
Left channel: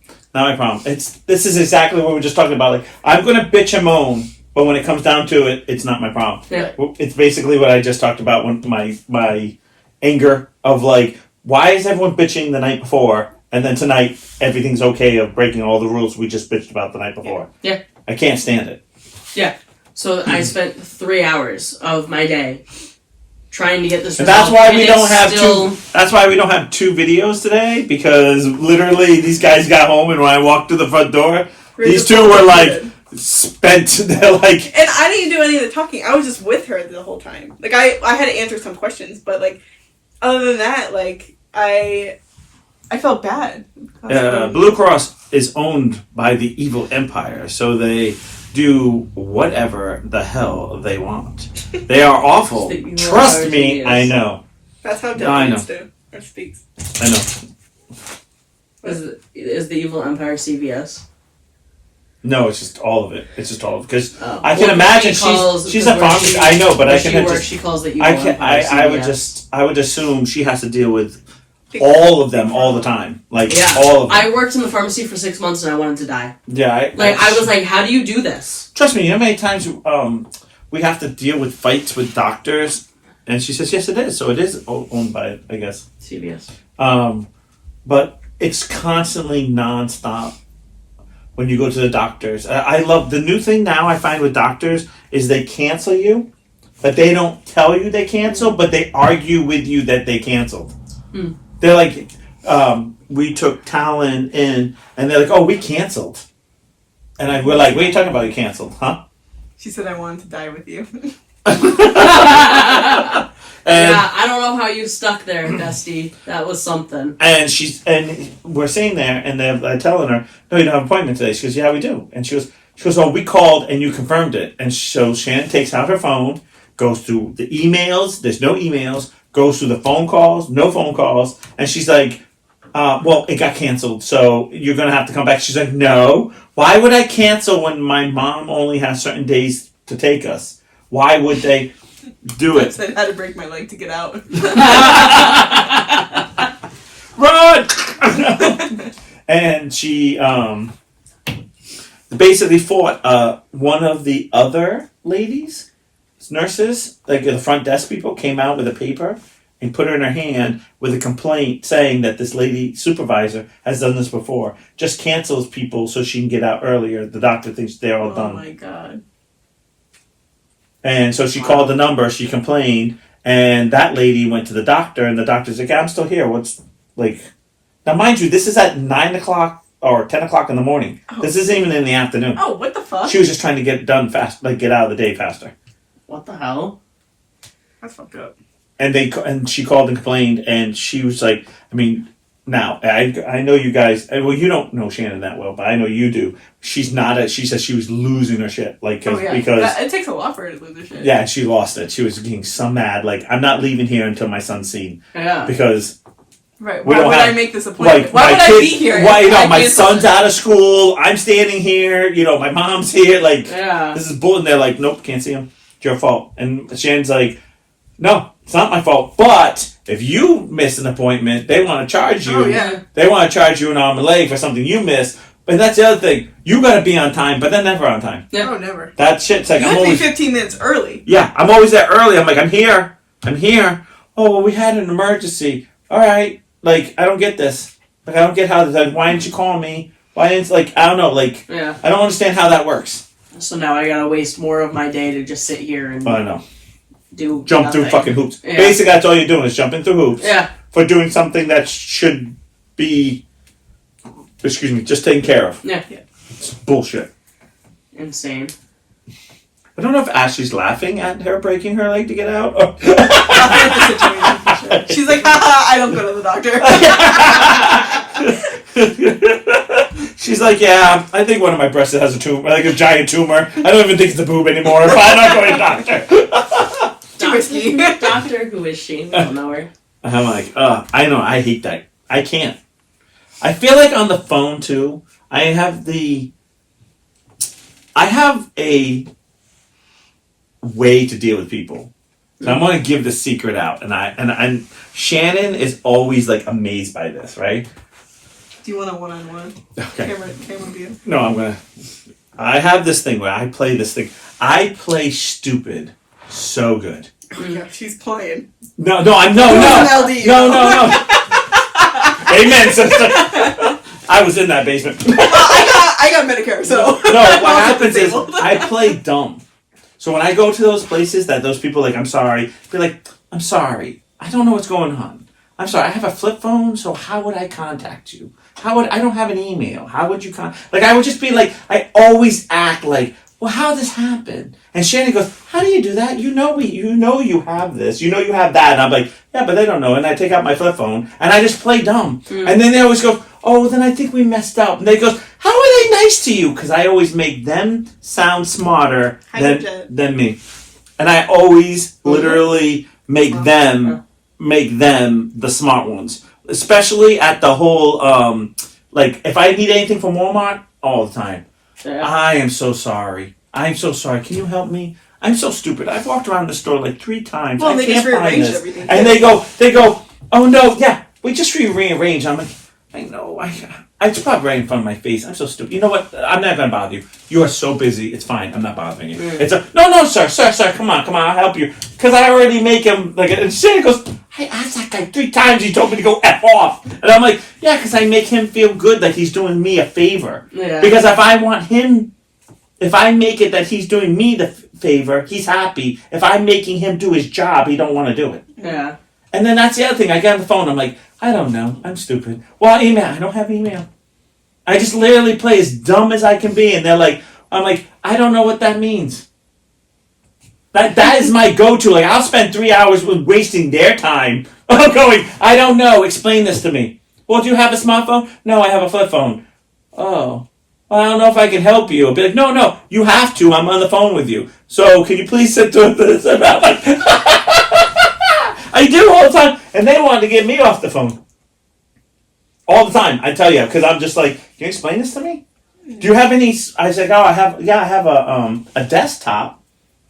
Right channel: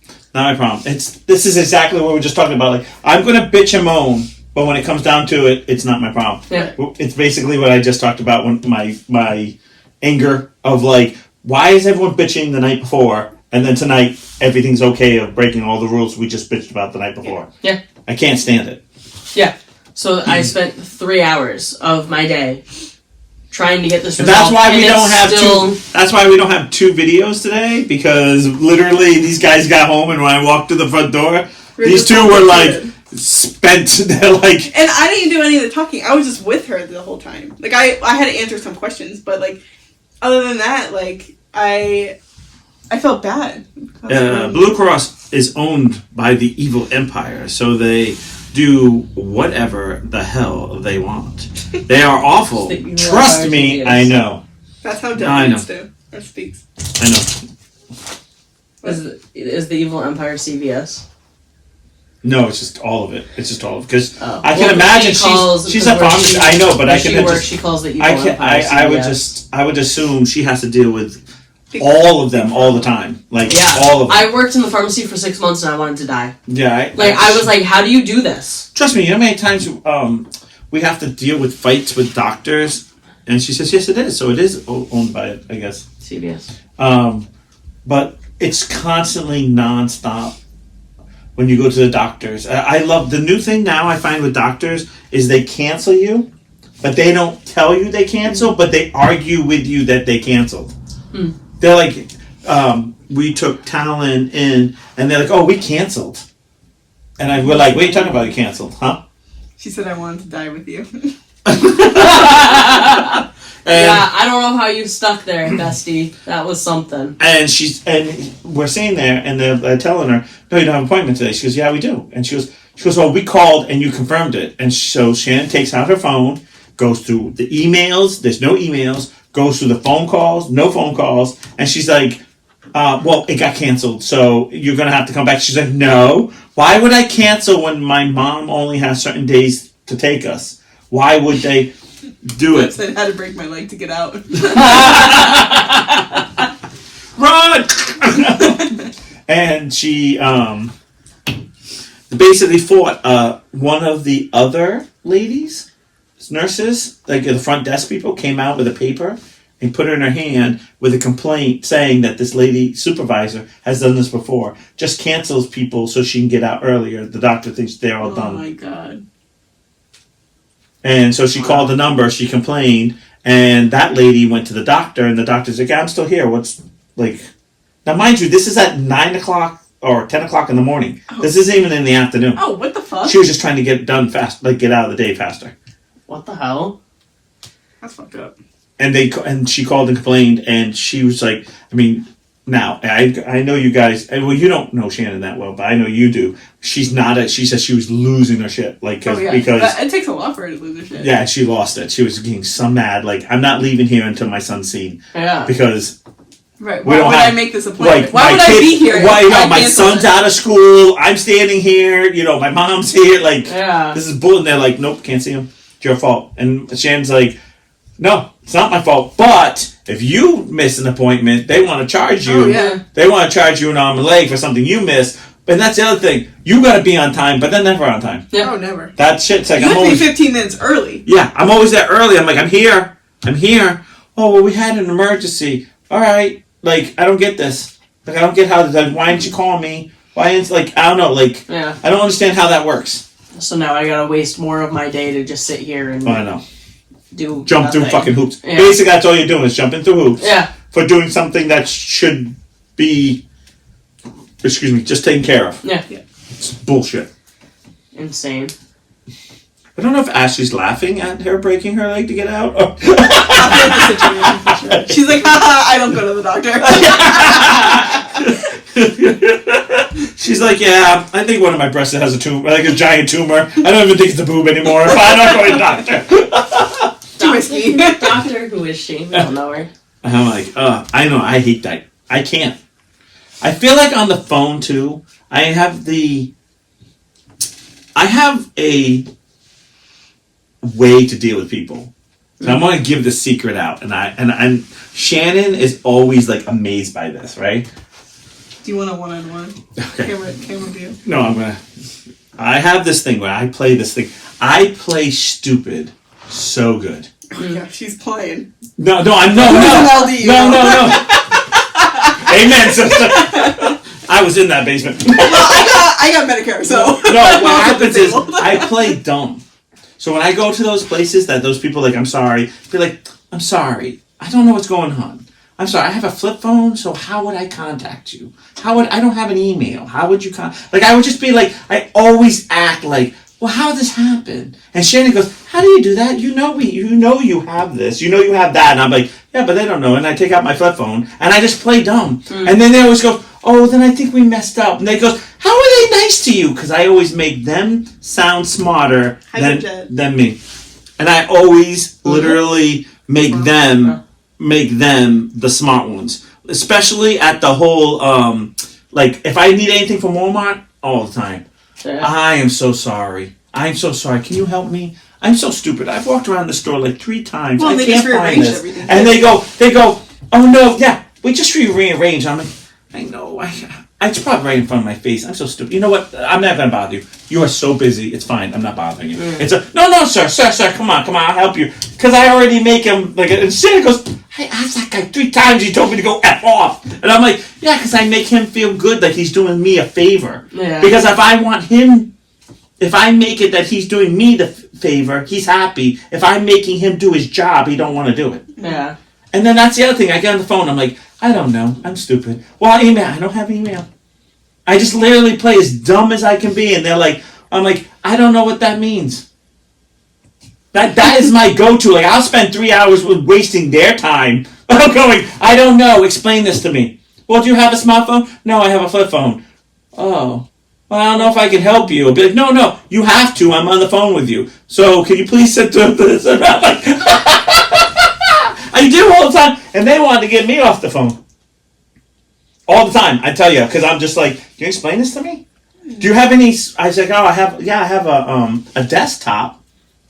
This is exactly what we were just talking about. Like I'm gonna bitch and moan, but when it comes down to it, it's not my problem. Yeah. It's basically what I just talked about when my anger of like, why is everyone bitching the night before? And then tonight, everything's okay of breaking all the rules we just bitched about the night before. Yeah. I can't stand it. Yeah. So I spent 3 hours of my day trying to get this resolved. That's why That's why we don't have two videos today, because literally these guys got home, and when I walked to the front door, these two were like spent. They're like, and I didn't do any of the talking. I was just with her the whole time. Like I had to answer some questions, but like other than that, like I felt bad. Blue Cross is owned by the evil empire, so they do whatever the hell they want. They are awful. Trust me, I know. That's how Deb used to. Or speaks. I know. Is the evil empire CVS? No, it's just all of it. It's just all of it. Because I can Well, imagine she's a pharmacist. I know, but I can she calls the evil I empire CVS. I would assume she has to deal with all of them all the time. Like, all of them. I worked in the pharmacy for 6 months and I wanted to die. Yeah. I was like, how do you do this? Trust me, you know how many times we have to deal with fights with doctors? And she says, yes, it is. So it is owned by, I guess, CVS. But it's constantly nonstop when you go to the doctors. I love the new thing now I find with doctors is they cancel you, but they don't tell you they cancel, but they argue with you that they canceled. They're like, we took Talon in, and they're like, oh, we canceled. And we're like, what are you talking about? You canceled, huh? She said, I wanted to die with you. Yeah, I don't know how you stuck there, bestie. That was something. And we're sitting there, and they're telling her, no, you don't have an appointment today. She goes, yeah, we do. And she goes, well, we called, and you confirmed it. And so Shannon takes out her phone, goes through the emails. There's no emails. Goes through the phone calls, no phone calls. And she's like, well, it got canceled, so you're going to have to come back. She's like, no. Why would I cancel when my mom only has certain days to take us? Why would they do it? I said I had to break my leg to get out. Run! And she basically fought one of the other ladies, nurses, like the front desk people, came out with a paper and put it in her hand with a complaint saying that this lady supervisor has done this before. Just cancels people so she can get out earlier. The doctor thinks they're all done. Oh my god. And so she called the number, she complained, and that lady went to the doctor, and the doctor's like, I'm still here. What's, like... Now, mind you, this is at 9 o'clock or 10 o'clock in the morning. Oh. This isn't even in the afternoon. Oh, what the fuck? She was just trying to get it done fast, like get out of the day faster. What the hell? That's fucked up. And she called and complained, and she was like, I mean... Now, I know you guys, well, you don't know Shannon that well, but I know you do. She said she was losing her shit. Like, because it takes a lot for her to lose her shit. Yeah, and she lost it. She was getting so mad. Like, I'm not leaving here until my son's seen. Yeah. Because. Right. Why would I make this appointment? Like, why would I be here? My son's out of school. I'm standing here. My mom's here. Like, this is bull. And they're like, nope, can't see him. It's your fault. And Shannon's like, no, it's not my fault. But if you miss an appointment, they want to charge you. Oh, yeah. They want to charge you an arm and leg for something you missed. But that's the other thing. You got to be on time, but they're never on time. Yeah. Oh, never. That shit's like, you have to be 15 minutes early. Yeah, I'm always there early. I'm like, I'm here. Oh, well, we had an emergency. All right. Like, I don't get this. Like, I don't get how this. Like, why didn't you call me? Why didn't, like, I don't know. Like, I don't understand how that works. So now I got to waste more of my day to just sit here and... I know. Jump nothing. Through fucking hoops. Yeah. Basically, that's all you're doing is jumping through hoops. Yeah. For doing something that should be, just taken care of. Yeah. It's bullshit. Insane. I don't know if Ashley's laughing at her breaking her leg to get out. Or... She's like, haha, I don't go to the doctor. She's like, yeah, I think one of my breasts has a tumor, like a giant tumor. I don't even think it's a boob anymore, but I'm not going to the doctor. Too risky. Doctor who is shaming her. I'm like, I know, I hate that. I can't. I feel like on the phone, too, I have a way to deal with people. So I'm going to give the secret out. And Shannon is always, like, amazed by this, right? Do you want a one-on-one? Okay. Camera view? No, I have this thing where I play this thing. I play stupid so good. Oh, yeah, she's playing. No. Amen, sister. I was in that basement. Well, I got Medicare, so. No, what happens is I play dumb. So when I go to those places that those people are like, I'm sorry, be like, I'm sorry. I don't know what's going on. I'm sorry, I have a flip phone, so how would I contact you? I don't have an email. How would you I would just be like, I always act like, well, how did this happen? And Shannon goes, how do you do that? You know you have this. You know you have that. And I'm like, yeah, but they don't know. And I take out my flip phone, and I just play dumb. And then they always go, oh, then I think we messed up. And they go, how are they nice to you? Because I always make them sound smarter than me. And I always literally make them make them the smart ones, especially at the whole like if I need anything from Walmart all the time. Yeah. I am so sorry. I'm so sorry. Can you help me? I'm so stupid. I've walked around the store like 3 times. Well, I they can't just find rearranged this. everything. And they go, oh no, yeah, we just rearranged. I'm like, I know, it's probably right in front of my face. I'm so stupid. You know what? I'm not going to bother you. You are so busy. It's fine. I'm not bothering you. It's no, sir, come on, I'll help you. Because I already make him, like, and Shannon goes, I asked that guy 3 times. He told me to go F off. And I'm like, yeah, because I make him feel good like he's doing me a favor. Yeah. Because if I make it that he's doing me the favor, he's happy. If I'm making him do his job, he don't want to do it. Yeah. And then that's the other thing. I get on the phone. I'm like, I don't know. I'm stupid. Well, email. I don't have email. I just literally play as dumb as I can be. And they're like, I'm like, I don't know what that means. That is my go-to. Like, I'll spend 3 hours wasting their time. I'm going, I don't know. Explain this to me. Well, do you have a smartphone? No, I have a flip phone. Oh. Well, I don't know if I can help you. I'll be like, no, you have to. I'm on the phone with you. So, can you please sit to this? Like, I do all the time. And they wanted to get me off the phone. All the time, I tell you. Because I'm just like, can you explain this to me? Do you have any... I was like, I have a desktop.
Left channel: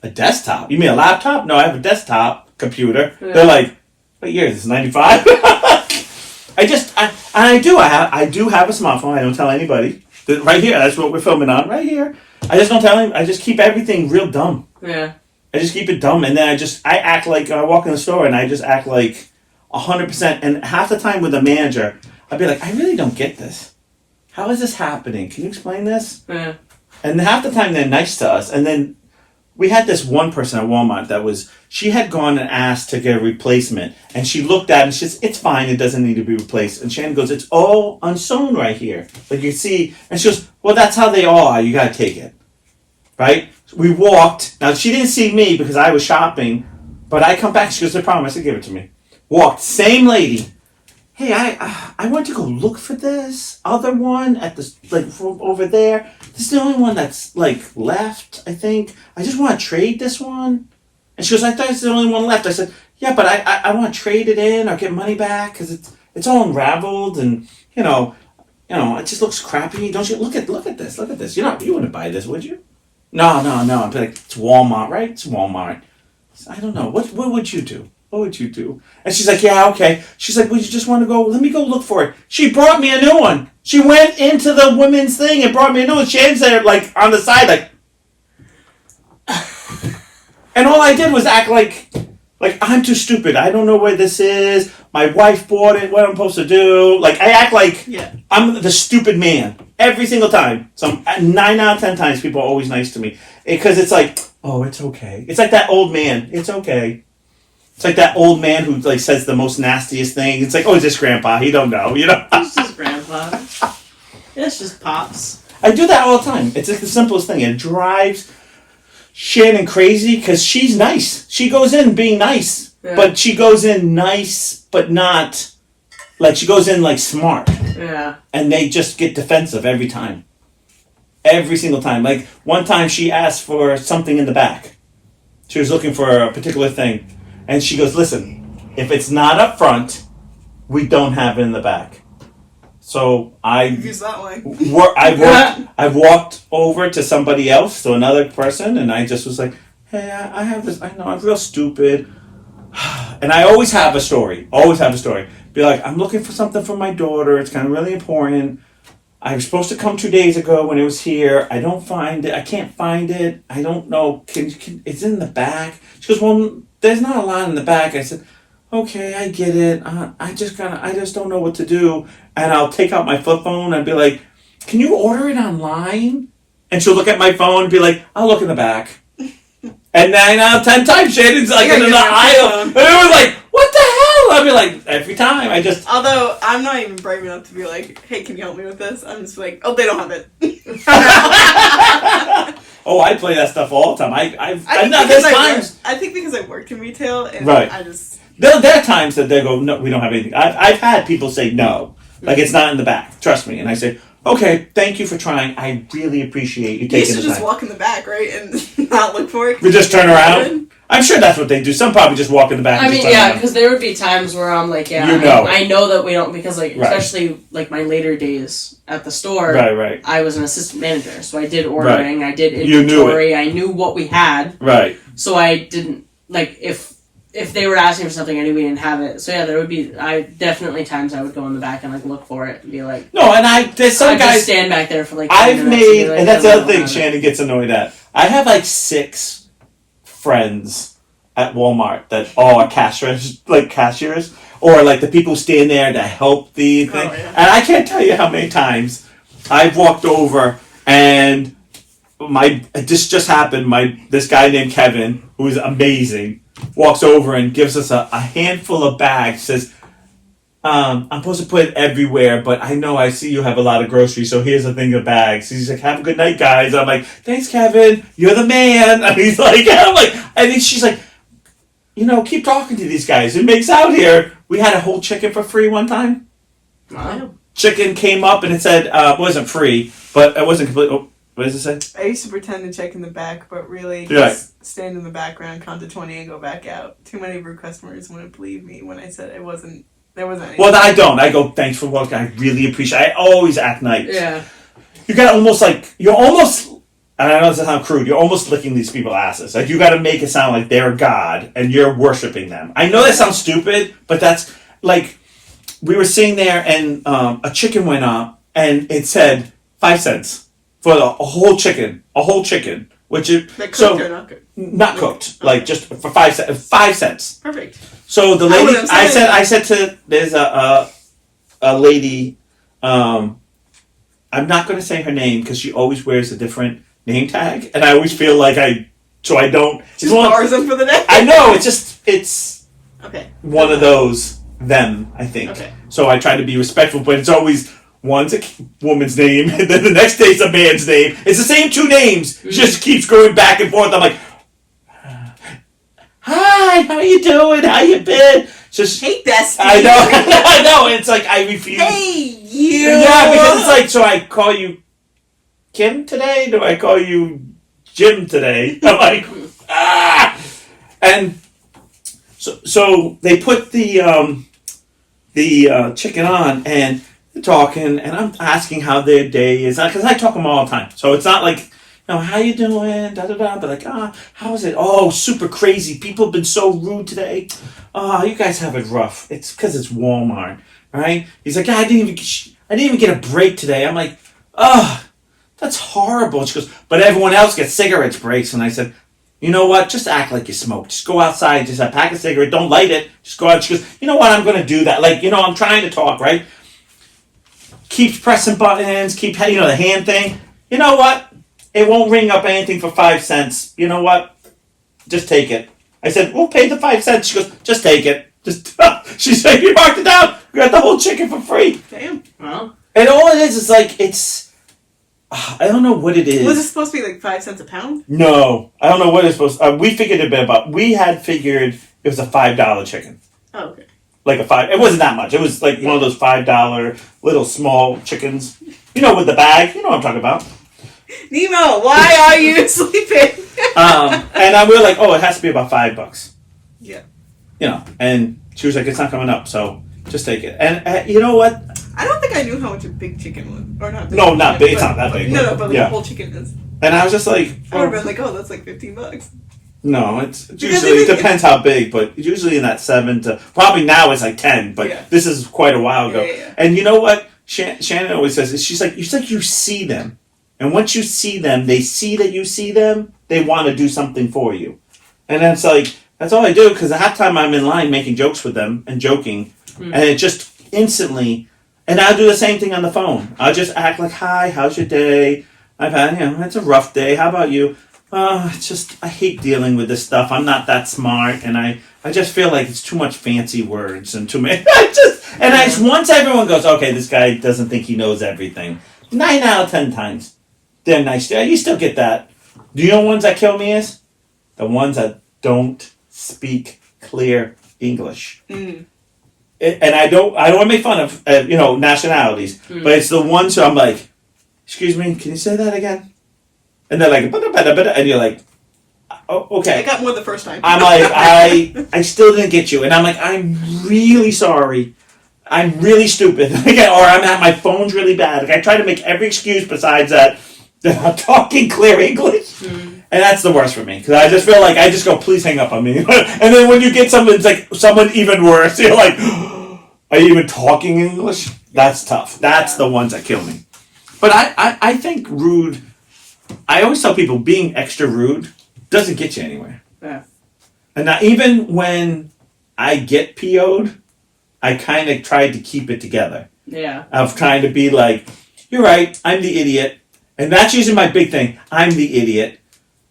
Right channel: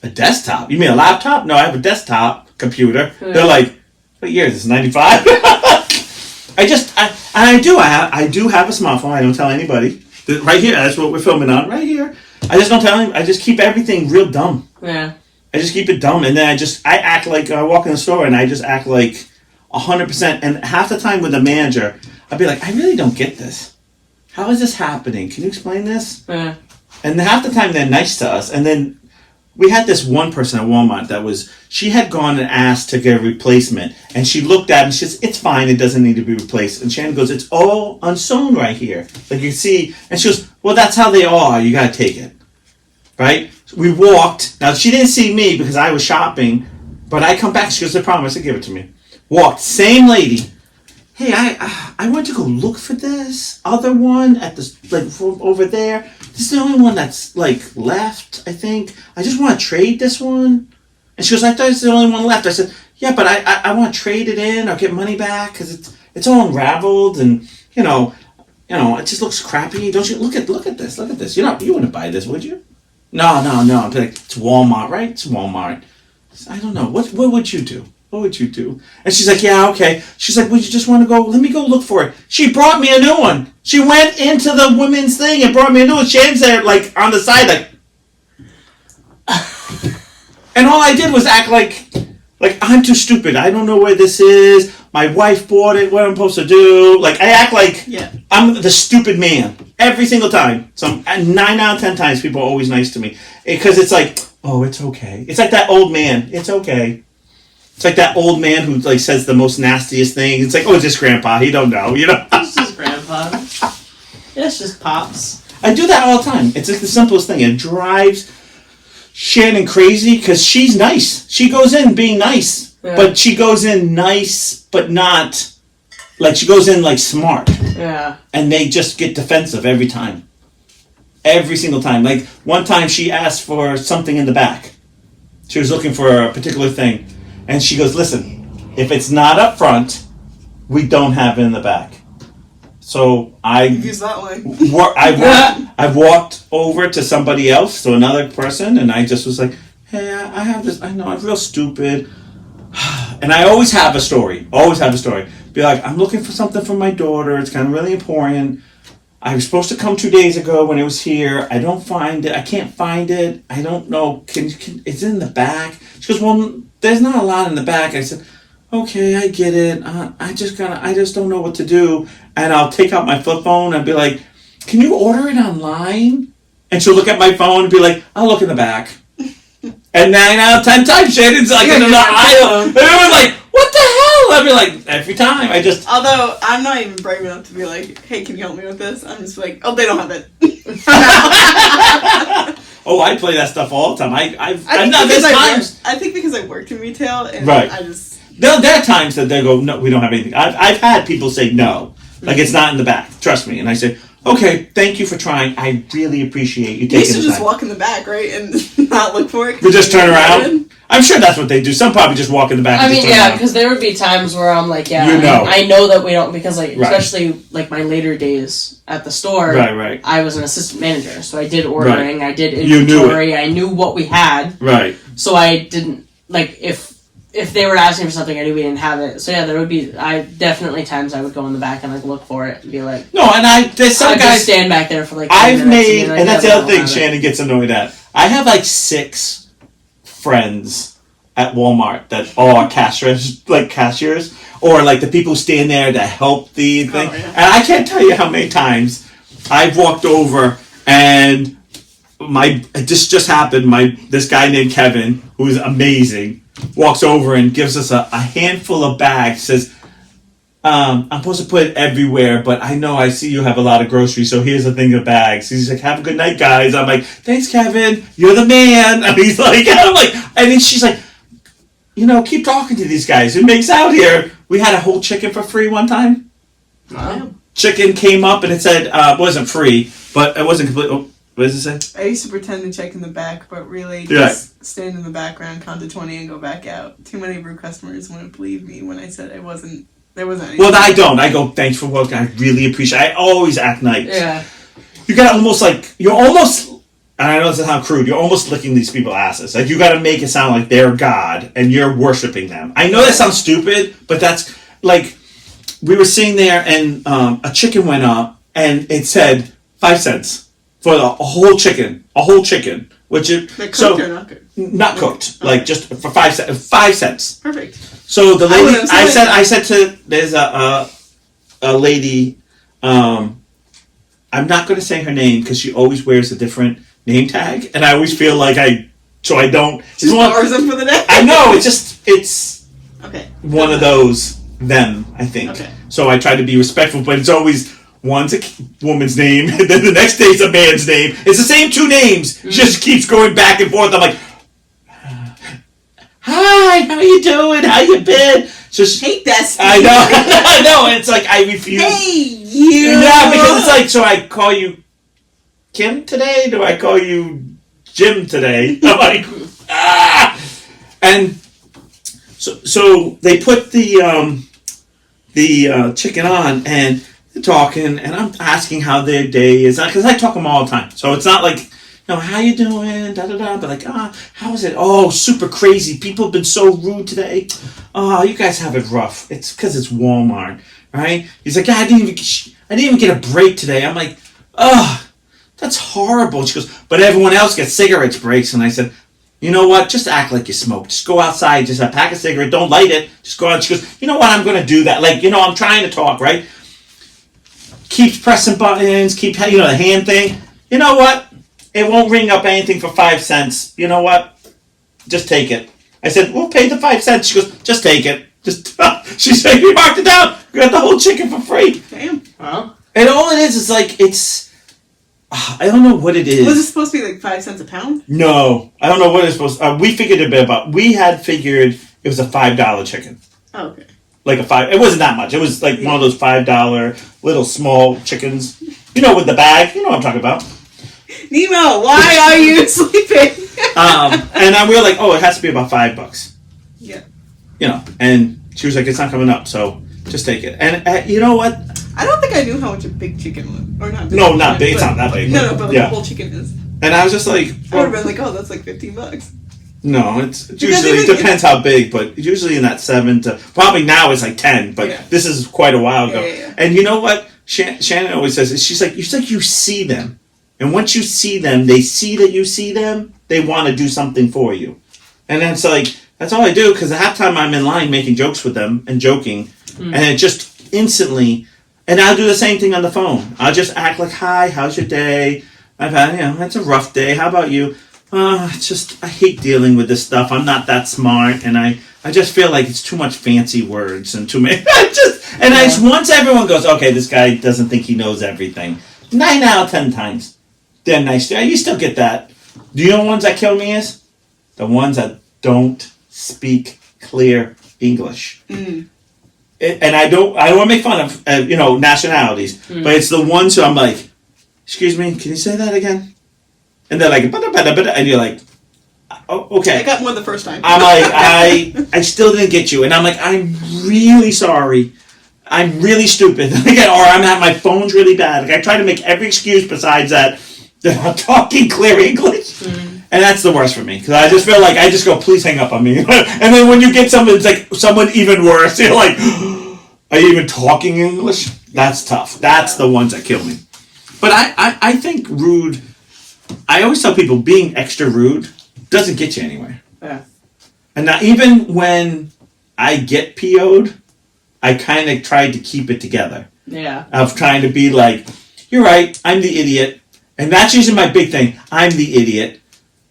A desktop? You mean a laptop? No, I have a desktop computer. Yeah. They're like, what year is this, 95? I do have a smartphone. I don't tell anybody. Right here, that's what we're filming on. Right here. I just don't tell him. I just keep everything real dumb. Yeah. I just keep it dumb. And then I act like, I walk in the store and I just act like 100%. And half the time with the manager, I'd be like, I really don't get this. How is this happening? Can you explain this? Yeah. And half the time they're nice to us. And then we had this one person at Walmart she had gone and asked to get a replacement. And she looked at it and she says, it's fine, it doesn't need to be replaced. And Shannon goes, it's all unsewn right here. Like you see, and she goes, well, that's how they all are, you gotta take it. Right? We walked, now she didn't see me because I was shopping, but I come back, she goes, I promise, give it to me. Walked, same lady. Hey, I went to go look for this other one at this, like, from over there. This is the only one that's, like, left, I think. I just want to trade this one. And she goes, I thought it's the only one left. I said, yeah, but I want to trade it in or get money back because it's all unraveled and, you know, it just looks crappy. Don't you? Look at this. Look at this. You wouldn't buy this, would you? No. I'm like, it's Walmart, right? It's Walmart. I don't know. What would you do? What would you do? And she's like, yeah, okay. She's like, well, you just want to go? Let me go look for it. She brought me a new one. She went into the women's thing and brought me a new one. Shannon's there, like, on the side, like... And all I did was act like I'm too stupid. I don't know where this is. My wife bought it. What am I supposed to do? Like, I act like I'm the stupid man. Every single time. So 9 out of 10 times, people are always nice to me. Because it's like, oh, it's okay. It's like that old man. It's okay. It's like that old man who like says the most nastiest things. It's like, oh, it's just grandpa. He don't know, It's just grandpa. It's just pops. I do that all the time. It's like the simplest thing. It drives Shannon crazy because she's nice. She goes in being nice. Yeah. But she goes in nice, but not... Like, she goes in, like, smart. Yeah. And they just get defensive every time. Every single time. Like, one time she asked for something in the back. She was looking for a particular thing. And she goes, listen, if it's not up front, we don't have it in the back. So use that way. I walked over to somebody else, so another person, and I just was like, hey, I have this, I know, I'm real stupid. And I always have a story. Be like, I'm looking for something for my daughter. It's kind of really important. I was supposed to come 2 days ago when it was here. I don't find it. I can't find it. I don't know. It's in the back. She goes, well, there's not a lot in the back. I said, okay, I get it. I just don't know what to do. And I'll take out my flip phone and be like, can you order it online? And she'll look at my phone and be like, I'll look in the back. And 9 out of 10 times, Shannon's like in the aisle. And it was like, what the hell? I'd be like, every time. Although, I'm not even brave enough to be like, hey, can you help me with this? I'm just like, oh, they don't have it. Oh, I play that stuff all the time. I think because I worked in retail, and right. I just... There are times that they go, no, we don't have anything. I've had people say no. Like, it's not in the back. Trust me. And I say, okay, thank you for trying. I really appreciate you You taking used to the just time. walk in the back, right, and not look for it. We just turn around. I'm sure that's what they do. Some probably just walk in the back. I and mean, just turn yeah, around. because there would be times where I'm like, yeah, You know I know that we don't, because like, Right. especially like my later days at the store, Right. I was an assistant manager, so I did ordering, I did You knew inventory, I knew what we had, Right. so I didn't, like, if they were asking for something, I knew we didn't have it. So yeah, there would be, definitely times I would go in the back and like look for it and be like, No, and there's some I'd guys just stand back there for like 10 I've minutes made, be like, and that's yeah, the no, other thing have it. Shannon gets annoyed at. I have like 6 friends at Walmart that are cashiers, or like the people who stand there to help the thing. yeah. And I can't tell you how many times I've walked over and this just happened. This guy named Kevin, who is amazing, walks over and gives us a handful of bags. Says, I'm supposed to put it everywhere, but I see you have a lot of groceries, so here's a thing of bags. He's like, have a good night, guys. I'm like, thanks, Kevin. You're the man. And he's like, and I'm like, and then she's like, keep talking to these guys. It makes out here. We had a whole chicken for free one time. Wow. Chicken came up and it said, it wasn't free, but it wasn't complete. Oh, what does it say? I used to pretend to check in the back, but really Yeah. just stand in the background, count to 20, and go back out. Too many brew customers wouldn't believe me when I said there wasn't anything. Well, I don't. I go, thanks for working. I really appreciate it. I always act nice. Yeah. You got you're almost, and I know this sounds crude, you're almost licking these people's asses. Like, you got to make it sound like they're God and you're worshiping them. I know that sounds stupid, but that's like, we were sitting there and a chicken went up and it said 5 cents for a whole chicken, which is Like cooked or not cooked? not cooked, like just for 5 cents. 5 cents. Perfect. So the lady, wouldn't have said I said to, there's a lady, I'm not going to say her name because she always wears a different name tag, and I always feel like I don't. Just borrows them for the day. I know, it's Okay. one of those, them, I think. Okay. So I try to be respectful, but it's always, one's a woman's name, and then the next day's a man's name. It's the same 2 names, just keeps going back and forth. I'm like, hi, how you doing? How you been? Just Hey, bestie. I know, I know. And it's like I refuse. Hey, you. Yeah, because it's like, so I call you Kim today? Do I call you Jim today? I'm like, ah! And so they put the chicken on and they're talking, and I'm asking how their day is, because I talk to them all the time. So it's not like, how you doing? Da da da. But like, how is it? Oh, super crazy. People have been so rude today. Oh, you guys have it rough. It's because it's Walmart, right? He's like, I didn't even get a break today. I'm like, that's horrible. She goes, but everyone else gets cigarettes breaks. And I said, you know what? Just act like you smoke. Just go outside. Just pack a cigarette. Don't light it. Just go out. She goes, you know what? I'm going to do that. Like, I'm trying to talk, right? Keeps pressing buttons. Keep, the hand thing. You know what? It won't ring up anything for 5 cents. You know what? Just take it. I said, we'll pay the 5 cents. She goes, just take it. She said, you marked it down. We got the whole chicken for free. Damn. Well, And all it is like, I don't know what it is. Was it supposed to be like 5 cents a pound? No, I don't know what it's supposed to. We figured it about. We had figured it was a $5 chicken. Oh, okay. Like a 5. It wasn't that much. It was like one of those $5 little small chickens. With the bag. You know what I'm talking about. Nemo, why are you sleeping? And we were like, oh, it has to be about $5. Yeah. And she was like, it's not coming up, so just take it. And you know what? I don't think I knew how much a big chicken was. Or not big. No, not big. It's but- not that big. No, but like yeah. a whole chicken is. And I was just like, I would have been like, oh, that's like $15. no, it's Because usually, it even- depends how big, but usually in that 7 to, probably now it's like 10, but Yeah. this is quite a while ago. Yeah. And you know what Shannon always says? She's like, it's like you see them. And once you see them, they see that you see them, they want to do something for you. And that's like, that's all I do, because at halftime I'm in line making jokes with them and joking, and it just instantly, and I'll do the same thing on the phone. I'll just act like, hi, how's your day? I've had, it's a rough day. How about you? It's just, I hate dealing with this stuff. I'm not that smart, and I just feel like it's too much fancy words and too many. Once everyone goes, okay, this guy doesn't think he knows everything. 9 out of 10 times. They're nice. Yeah, you still get that. Do you know the ones that kill me is? The ones that don't speak clear English. Mm. And I don't want to make fun of nationalities, but it's the ones who I'm like, excuse me, can you say that again? And they're like, "Bada, and you're like, oh, okay. I got more the first time. I'm like, I still didn't get you. And I'm like, I'm really sorry. I'm really stupid. Or my phone's really bad. Like, I try to make every excuse besides that they're not talking clear English. Mm. And that's the worst for me. Because I just feel like I just go, please hang up on me. And then when you get someone, it's like someone even worse. You're like, are you even talking English? That's tough. That's the ones that kill me. But I think rude, I always tell people being extra rude doesn't get you anywhere. Yeah. And now, even when I get PO'd, I kind of tried to keep it together. Yeah. Of trying to be like, you're right, I'm the idiot. And that's usually my big thing. I'm the idiot.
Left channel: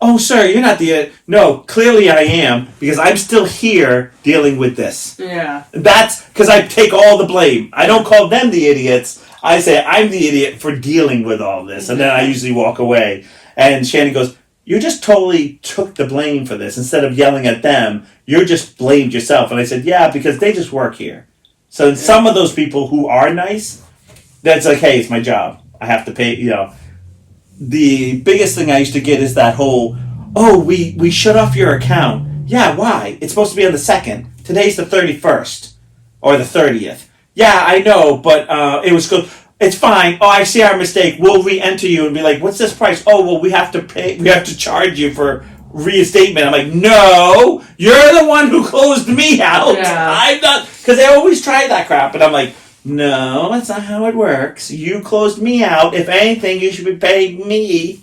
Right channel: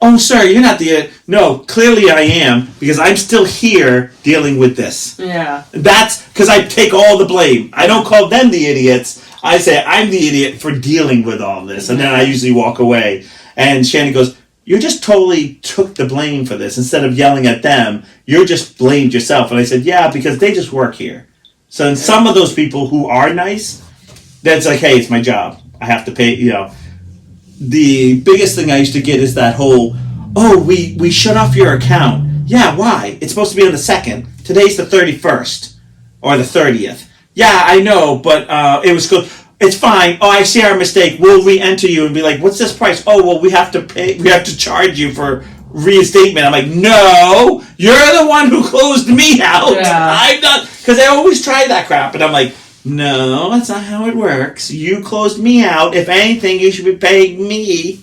Oh, sir, you're not the idiot. No, clearly I am, because I'm still here dealing with this. Yeah. That's because I take all the blame. I don't call them the idiots. I say, I'm the idiot for dealing with all this. And then I usually walk away. And Shannon goes, you just totally took the blame for this. Instead of yelling at them, you just blamed yourself. And I said, yeah, because they just work here. So some of those people who are nice, that's like, hey, it's my job. I have to pay, The biggest thing I used to get is that whole, oh, we shut off your account. Yeah, why? It's supposed to be on the 2nd. Today's the 31st. Or the 30th. Yeah, I know, but it was good. It's fine. Oh, I see our mistake. We'll re-enter you and be like, what's this price? Oh, well, we have to pay. We have to charge you for reinstatement. I'm like, no, you're the one who closed me out. Yeah. I'm not, because they always try that crap. And I'm like, no, that's not how it works. You closed me out. If anything, you should be paying me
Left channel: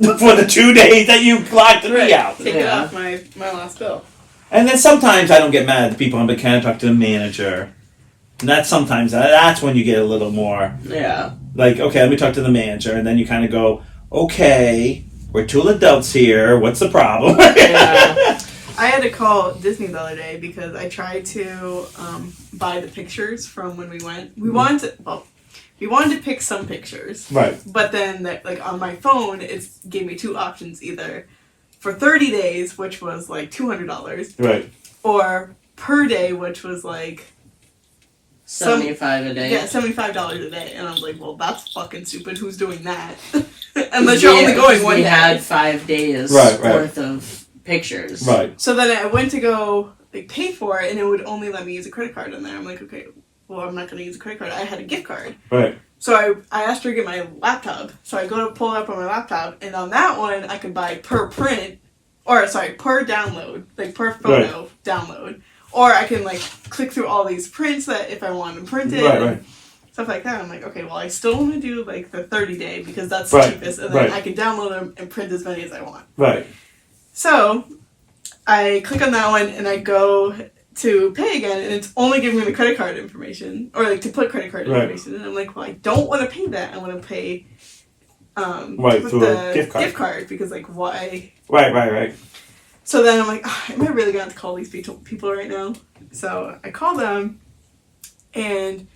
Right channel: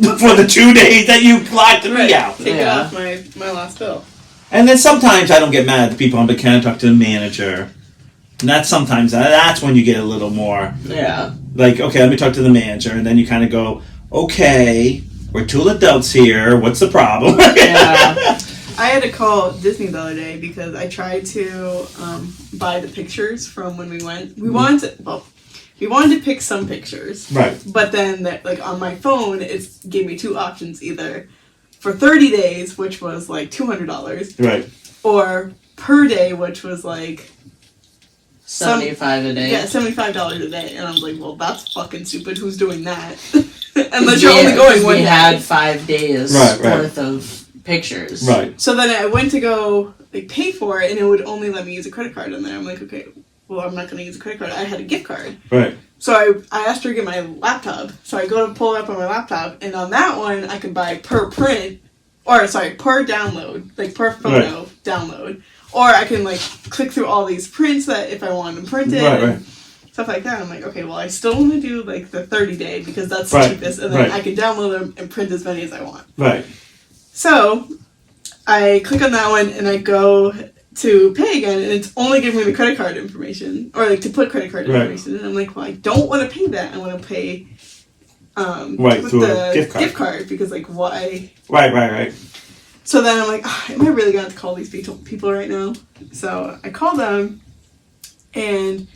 for the 2 days that you locked me out. Take it off my last bill. And then sometimes I don't get mad at the people. I'm like, can I talk to the manager? And that's when you get a little more. Yeah. Like, okay, let me talk to the manager. And then you kind of go, okay, we're 2 adults here. What's the problem? Yeah. I had to call Disney the other day because I tried to buy the pictures from when we went. We wanted to pick some pictures. Right. But then, on my phone, it gave me 2 options, either for 30 days, which was like $200. Right. Or per day, which was like $75 a day. Yeah, $75 a day. And I was like, well, that's fucking stupid. Who's doing that? Unless you're only going one day. We had 5 days worth of pictures. Right. So then I went to go pay for it, and it would only let me use a credit card in there. I'm like, okay, well, I'm not going to use a credit card. I had a gift card. Right. So I asked her to get my laptop. So I go to pull it up on my laptop, and on that one, I can buy per download, per photo download. Or I can click through all these prints that if I want them printed. Right. Stuff like that. I'm like, okay, well, I still want to do the 30-day because that's the cheapest, and then I can download them and print as many as I want. Right. So I click on that one and I go to pay again, and it's only giving me the credit card information, or to put credit card information. And I'm like, well, I don't want to pay that. I want to pay with through the a gift card because why? Right. So then I'm like, am I really going to have to call these people right now? So I call them, and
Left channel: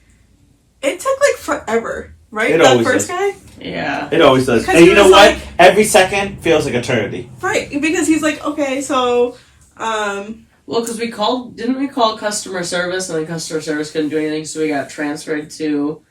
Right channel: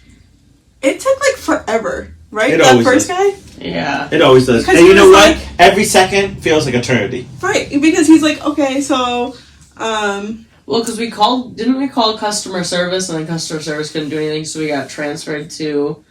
it took forever, right? It that always first does. guy? Yeah. It always does. Because and you know what? Every second feels like eternity. Right, because he's like, okay, so... Well, because didn't we call customer service, and then customer service couldn't do anything, so we got transferred to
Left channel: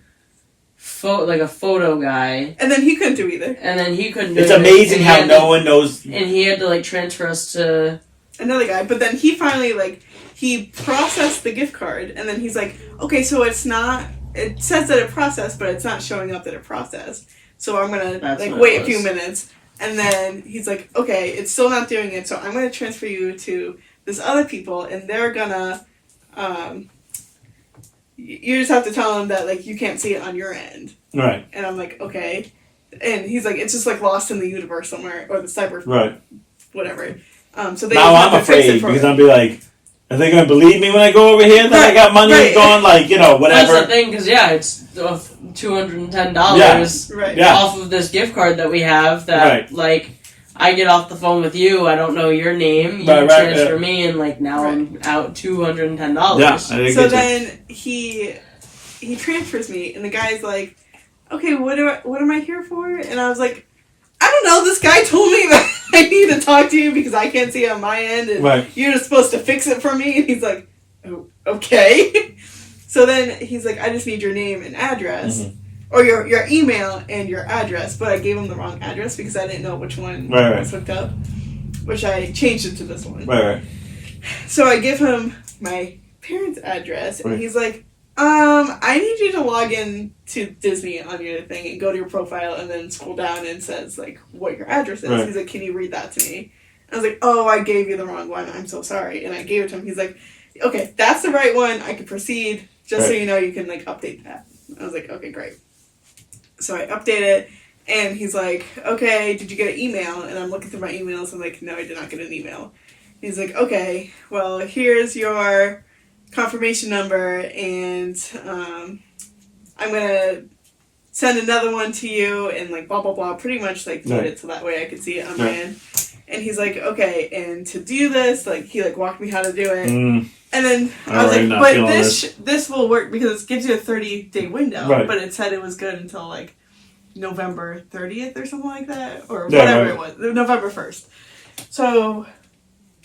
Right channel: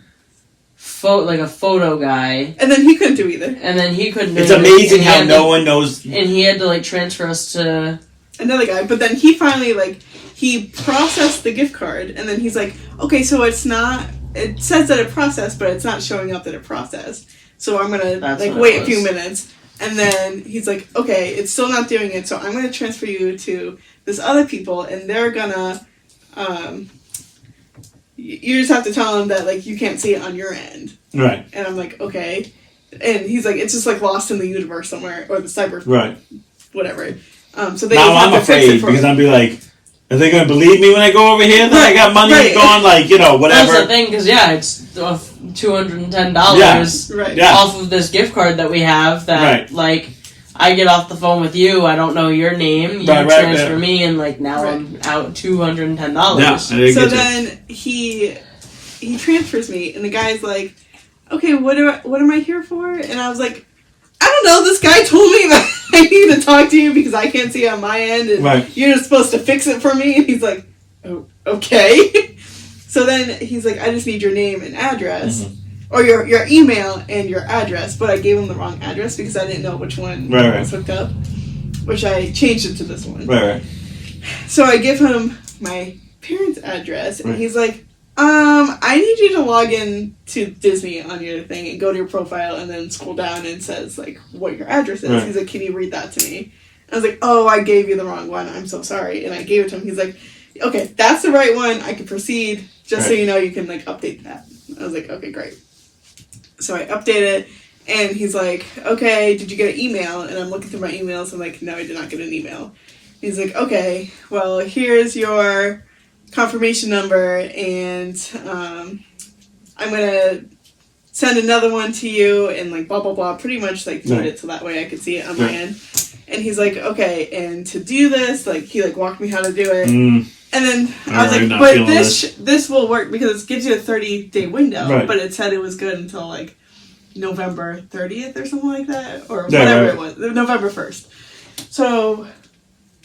a photo guy. And then he couldn't do either. And then he couldn't do It's anything. amazing how no one knows. And he had to transfer us to another guy, but then he finally he processed the gift card, and then he's like, okay, so it says that it processed, but it's not showing up that it processed. So I'm gonna wait a few minutes, and then he's like, okay, it's still not doing it, so I'm gonna transfer you to this other people, and they're gonna you just have to tell them that you can't see it on your end. Right. And I'm like, okay. And he's like, it's just lost in the universe somewhere, or the cyber whatever. So they now have I'm to fix afraid it for because me. I'll be like, are they going to believe me when I go over here that I got money going? Whatever. That's the thing, because it's $210 off of this gift card that we have. That I get off the phone with you, I don't know your name, you transfer me, and now I'm out $210. Yeah, so then he transfers me, and the guy's like, okay, what am I here for? And I was like, I don't know, this guy told me that I need to talk to you because I can't see on my end, and you're just supposed to fix it for me. And he's like, oh, okay. So then he's like, I just need your name and address. Mm-hmm. or your email and your address, but I gave him the wrong address because I didn't know which one was hooked up, which I changed it to this one. Right. So I give him my parents' address, and he's like, I need you to log in to Disney on your thing and go to your profile and then scroll down and it says, like, what your address is. He's like, can you read that to me? I was like, oh, I gave you the wrong one. I'm so sorry. And I gave it to him. He's like, okay, that's the right one. I can proceed. Just so you know, you can, like, update that. I was like, okay, great. So I update it, and he's like, okay, did you get an email? And I'm looking through my emails. I'm like, no, I did not get an email. He's like, okay, well, here's your confirmation number, and I'm going to send another one to you, and, like, blah, blah, blah. Pretty much, like, made it so that way I could see it on my end. And he's like, okay, and to do this, like, he, like, walked me how to do it. And then I was like, but this will work because it gives you a 30-day window. Right. But it said it was good until, like, November 30th or something like that. Or whatever it was. November 1st. So,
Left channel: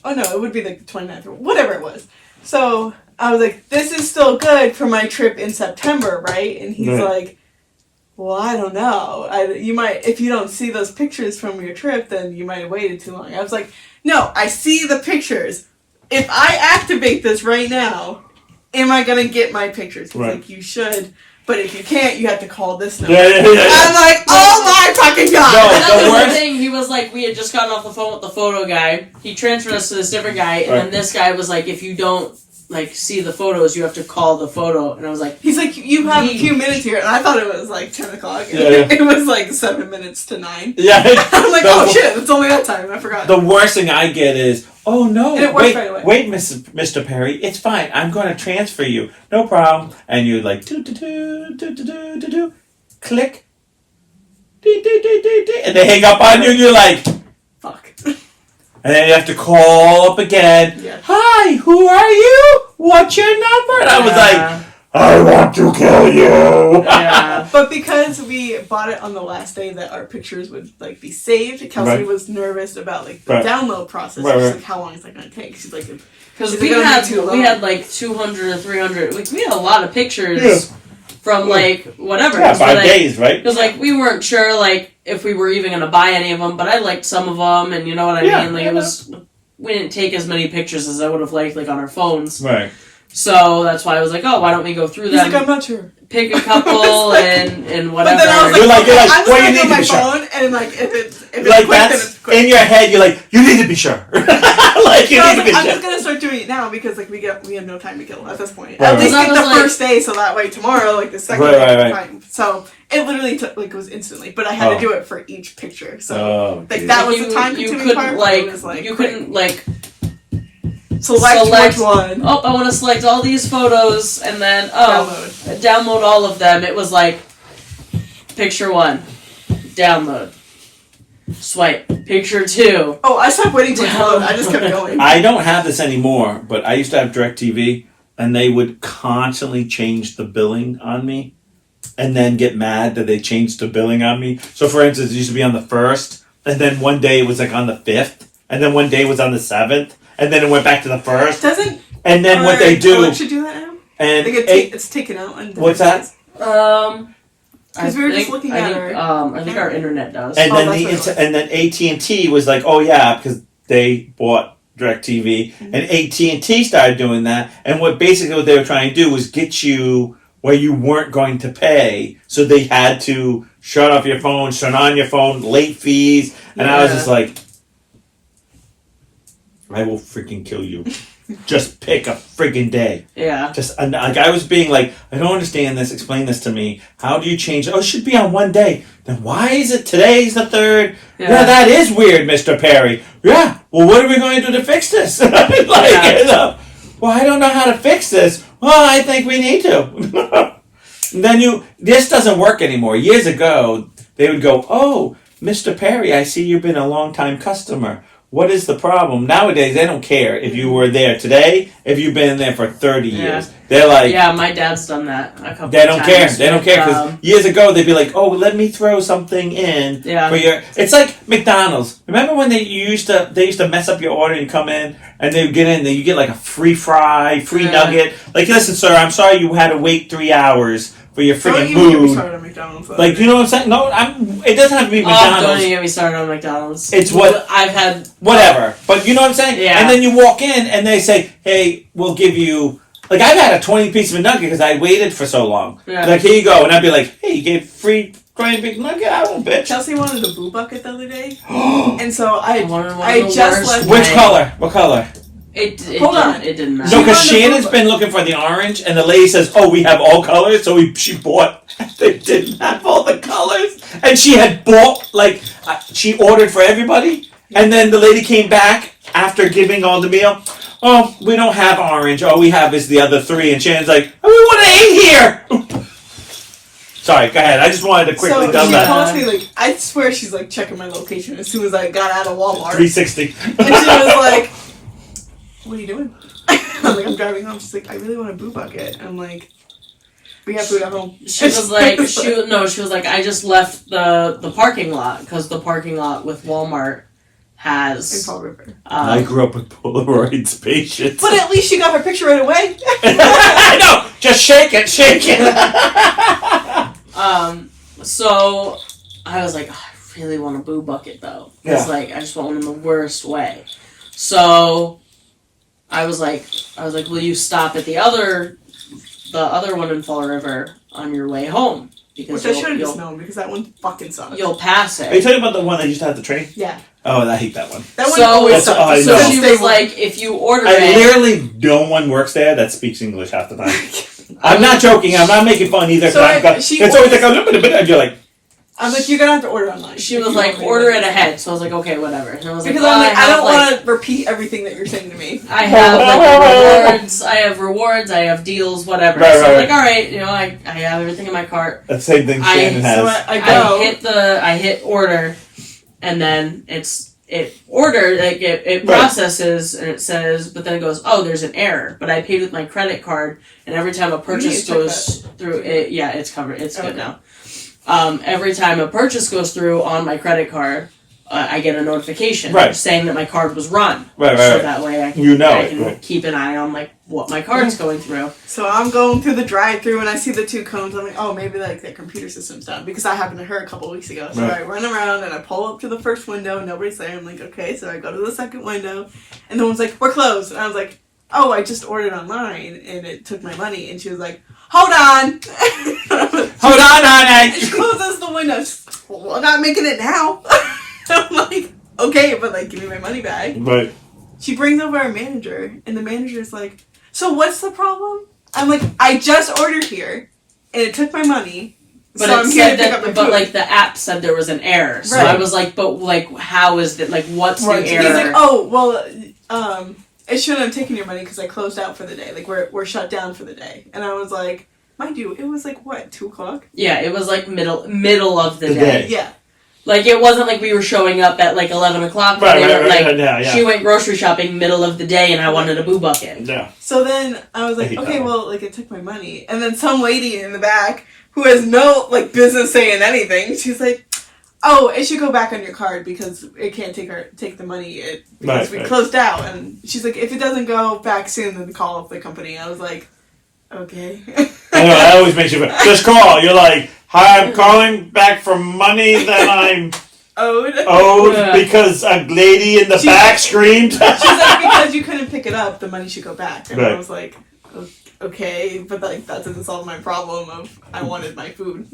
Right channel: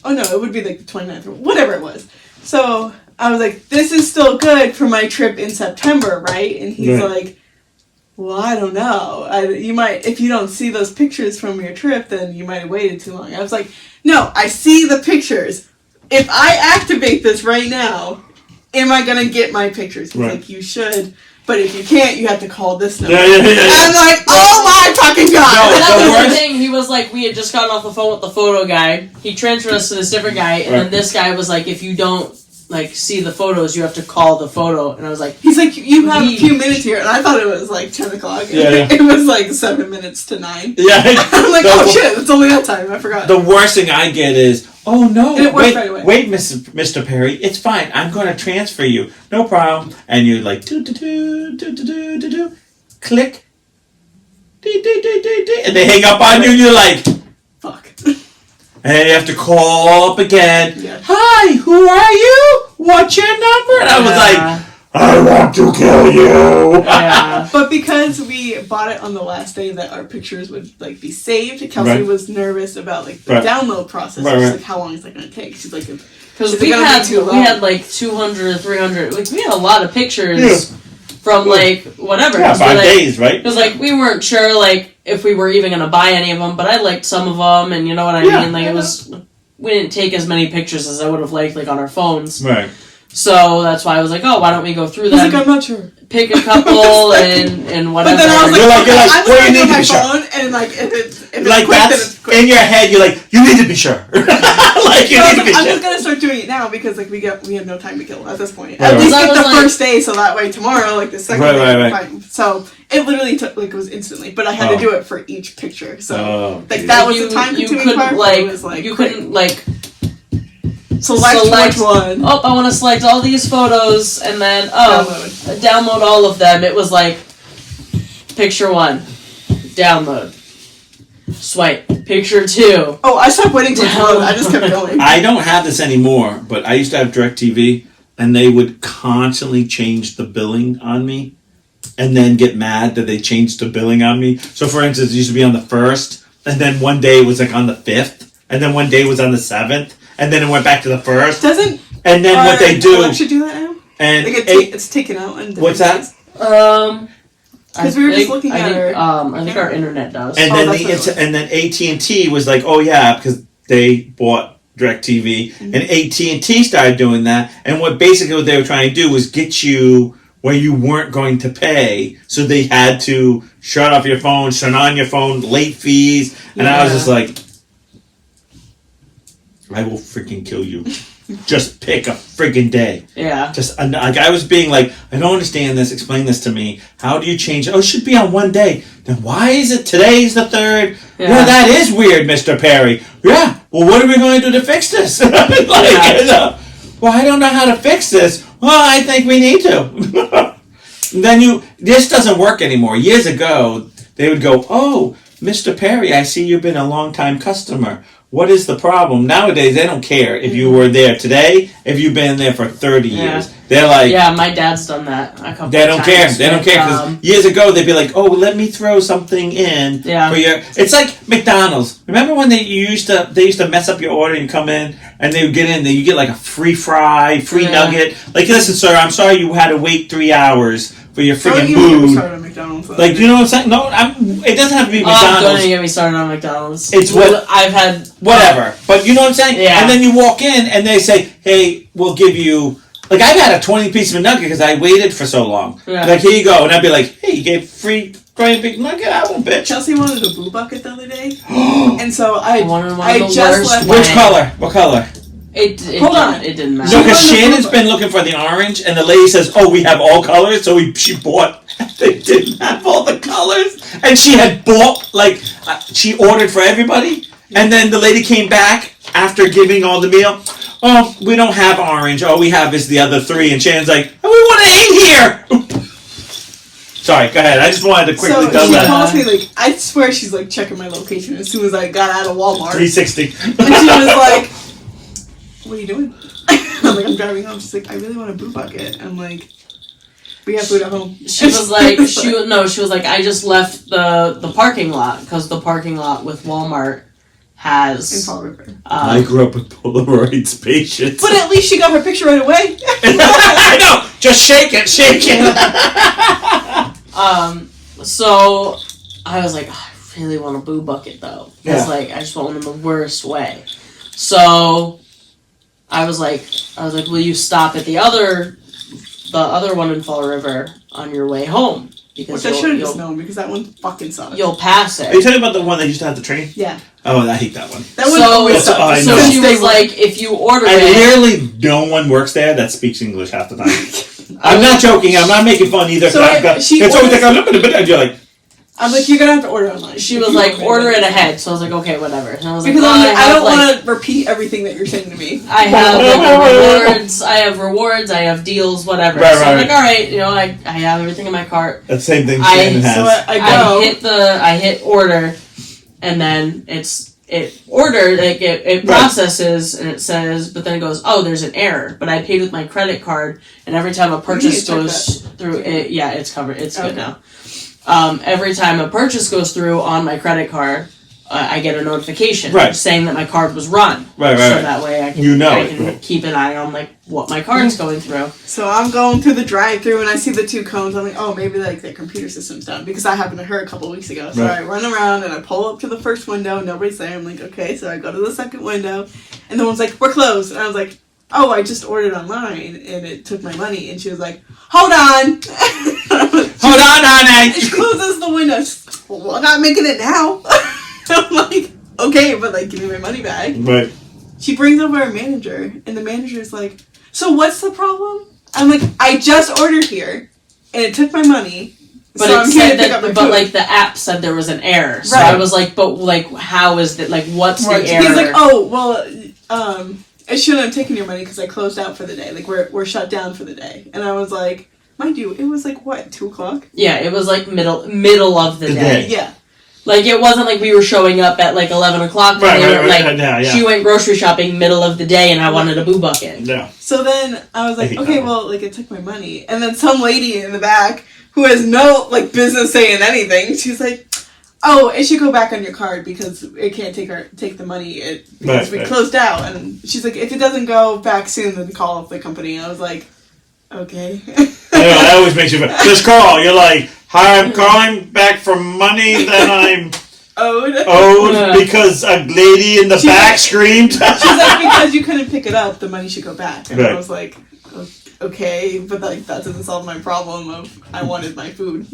oh no, it would be, like, the 29th or whatever it was. So I was like, this is still good for my trip in September, right? And he's like, well, I don't know. You might, if you don't see those pictures from your trip, then you might have waited too long. I was like, no, I see the pictures. If I activate this right now, am I going to get my pictures? He's like, you should. But if you can't, you have to call this number. I'm like, oh my fucking God. No, that was the thing. He was like, we had just gotten off the phone with the photo guy. He transferred us to this different guy. And then this guy was like, if you don't, like, see the photos, you have to call the photo. And I was like, he's like, you have a few minutes here. And I thought it was like 10 o'clock. It was like 7 minutes to 9. Yeah. I'm like, oh shit, it's only that time. I forgot. The worst thing I get is, oh no, and it worked right away. Wait, Mr. Perry, it's fine. I'm going to transfer you. No problem. And you're like, do, click, and they hang up on you and you're like, fuck. And then you have to call up again. Yeah. Hi, who are you? What's your number? And I was like, I want to kill you. Yeah. But because we bought it on the last day that our pictures would, like, be saved, Kelsey was nervous about, like, the download process. She's like, how long is that going to take? She's like, because we had like 200 or 300. Like, we had a lot of pictures from, like, whatever. Yeah, 5 days, right? Because, like, we weren't sure, like, if we were even going to buy any of them, but I liked some of them, and you know what I mean? Like, it was, we didn't take as many pictures as I would have liked, like, on our phones. Right. So that's why I was like, oh, why don't we go through them? He's like, I'm not sure. Pick a couple and whatever. But then I was like, you're like I'm well, you need on to my be phone, sure. And like, if it's like quick, that's then it's quick. In your head, you're like, you need to be sure. Like, you need to be I'm sure. just gonna start doing it now because like we have no time to kill at this point. Right, At least right. get the first day, so that way tomorrow, like the second day, right. fine. So it literally took like it was instantly, but I had to do it for each picture. So like geez. that was the time consuming part. Like, it was like you couldn't like. Select which one. Oh, I want to select all these photos and then download all of them. It was like picture 1, download, swipe, picture 2. Oh, I stopped waiting for download. I just kept going. I don't have this anymore, but I used to have DirecTV, and they would constantly change the billing on me, and then get mad that they changed the billing on me. So, for instance, it used to be on the 1st, and then one day it was like on the 5th, and then one day it was on the 7th. And then it went back to the 1st. Doesn't and then what they do? Should do that now. And like it's taken out. On what's that? Because we were just looking at her. I think our internet does. And then AT&T was like, oh yeah, because they bought DirecTV, and AT&T started doing that. And what they were trying to do was get you where you weren't going to pay, so they had to shut off your phone, turn on your phone, late fees, and I was just like, I will freaking kill you. Just pick a freaking day. Yeah. Just like I was being like, I don't understand this. Explain this to me. How do you change it? Oh, it should be on one day. Then why is it today's the 3rd? Yeah, that is weird, Mr. Perry. Yeah. Well, what are we going to do to fix this? Well, I don't know how to fix this. Well, I think we need to. Then this doesn't work anymore. Years ago, they would go, oh, Mr. Perry, I see you've been a long-time customer. What is the problem? Nowadays, they don't care if you were there today, if you've been there for 30 years. They're like... Yeah, my dad's done that a couple They don't times. care. They don't care. Because years ago, they'd be like, oh, let me throw something in for your... It's like McDonald's. Remember when they used to mess up your order and come in, and they would get in, and you get like a free fry, free nugget. Like, listen, sir, I'm sorry you had to wait 3 hours for your Don't friggin' even get me mood. started on McDonald's. Like, you know what I'm saying? No, it doesn't have to be Don't McDonald's. even get me started on McDonald's. It's what I've had. Whatever, but you know what I'm saying? Yeah. And then you walk in and they say, "Hey, we'll give you." Like I've had a 20-piece McNugget because I waited for so long. Yeah. Like here you go, and I'd be like, "Hey, you gave free 20 McNugget? I won't, bitch." Chelsea wanted a boo bucket the other day, and so I just left. Which color? What color? Hold on. It didn't No, matter. because wanted a Shannon's boba. been looking for the orange, and the lady says, "Oh, we have all colors." So she bought. They didn't have all the colors, and she had bought she ordered for everybody, and then the lady came back after giving all the meal. "Oh, we don't have orange. All we have is the other three." And Shannon's like, "Oh, we want to eat here." Sorry, go ahead. I just wanted to quickly So tell she that. calls me like, I swear she's like checking my location as soon as I got out of Walmart, 360. and she was like, "What are you doing?" I'm like, "I'm driving home." She's like, "I really want a boo bucket." I'm like, "We have food at home." She was like, she was like, I just left the parking lot because the parking lot with Walmart in has. Fall River. I grew up with Polaroid spaceships. But at least she got her picture right away. I know. Just shake it, shake it. So I was like, oh, I really want a boo bucket though. Yeah. It's like I just want one in the worst way. So I was like, will you stop at the other one in Fall River on your way home? Because Which I should have just known because that one fucking sucked. You'll pass Are you it. talking about the one that used to have the train? Yeah. Oh, I hate that one. That one So- always That's- I sucks. know. So she Stay was like, if you order And it, literally no one works there that speaks English half the time. I'm not joking. I'm not making fun either. So she it's always orders- like, and you're like, I'm like, you're gonna have to order online. she If was you like, want me to order order it ahead. So I was like, okay, whatever. And I was Because like, I'm like, I don't have, want to repeat everything that you're saying to me. I have rewards. I have deals, whatever. Right, so I'm right, like, all right, I have everything in my cart. that's the same thing Shannon has. So I go. I hit order, and then it Right. processes and it says, but then it goes, oh, there's an error. But I paid with my credit card, and every time a need purchase to check goes through, it's covered. It's Okay. good now. Every time a purchase goes through on my credit card, I get a notification Right. saying that my card was run. Right, So right. that way I can, You know I it, can right. keep an eye on what my card's going through. So I'm going through the drive-through and I see the two cones. I'm like, oh, maybe like their computer system's down because that happened to her a couple weeks ago. So Right. I run around and I pull up to the first window. Nobody's there. I'm like, okay. So I go to the second window, and the one's like, we're closed. And I was like, oh, I just ordered online and it took my money. And she was like, hold on. Hold on, honey. And she closes the window. She's like, well, I'm not making it now. I'm like, okay, but like, give me my money back. Right. She brings over our manager, and the manager's like, so what's the problem? I'm like, I just ordered here, and it took my money, But so it I'm here said to pick that, up my but food. like the app said there was an error. So Right. I was like, but like, how is that? Like, what's Right. the error? He's like, oh, well, I shouldn't have taken your money because I closed out for the day. Like, we're shut down for the day. And I was like, mind you, it was like, what, 2 o'clock? Yeah, it was like middle of the The day. day. Yeah. Like it wasn't like we were showing up at like 11 o'clock. Right, We right, were, right, like, yeah, yeah. She went grocery shopping middle of the day, and I wanted a boo bucket. Yeah. So then I was I like, hate okay, that one. well, like, it took my money. And then some lady in the back who has no, like, business saying anything, she's like, oh, it should go back on your card because it can't take the money because Right, we right. closed out. And she's like, if it doesn't go back soon, then call up the company. I was like, okay. I know, that always makes you just call. You're like, hi, I'm calling back for money that I'm Owed. owed Yeah. because a lady in the She's back like- screamed. She's like, because you couldn't pick it up, the money should go back. And Right. I was like, okay, but like that doesn't solve my problem of I wanted my food.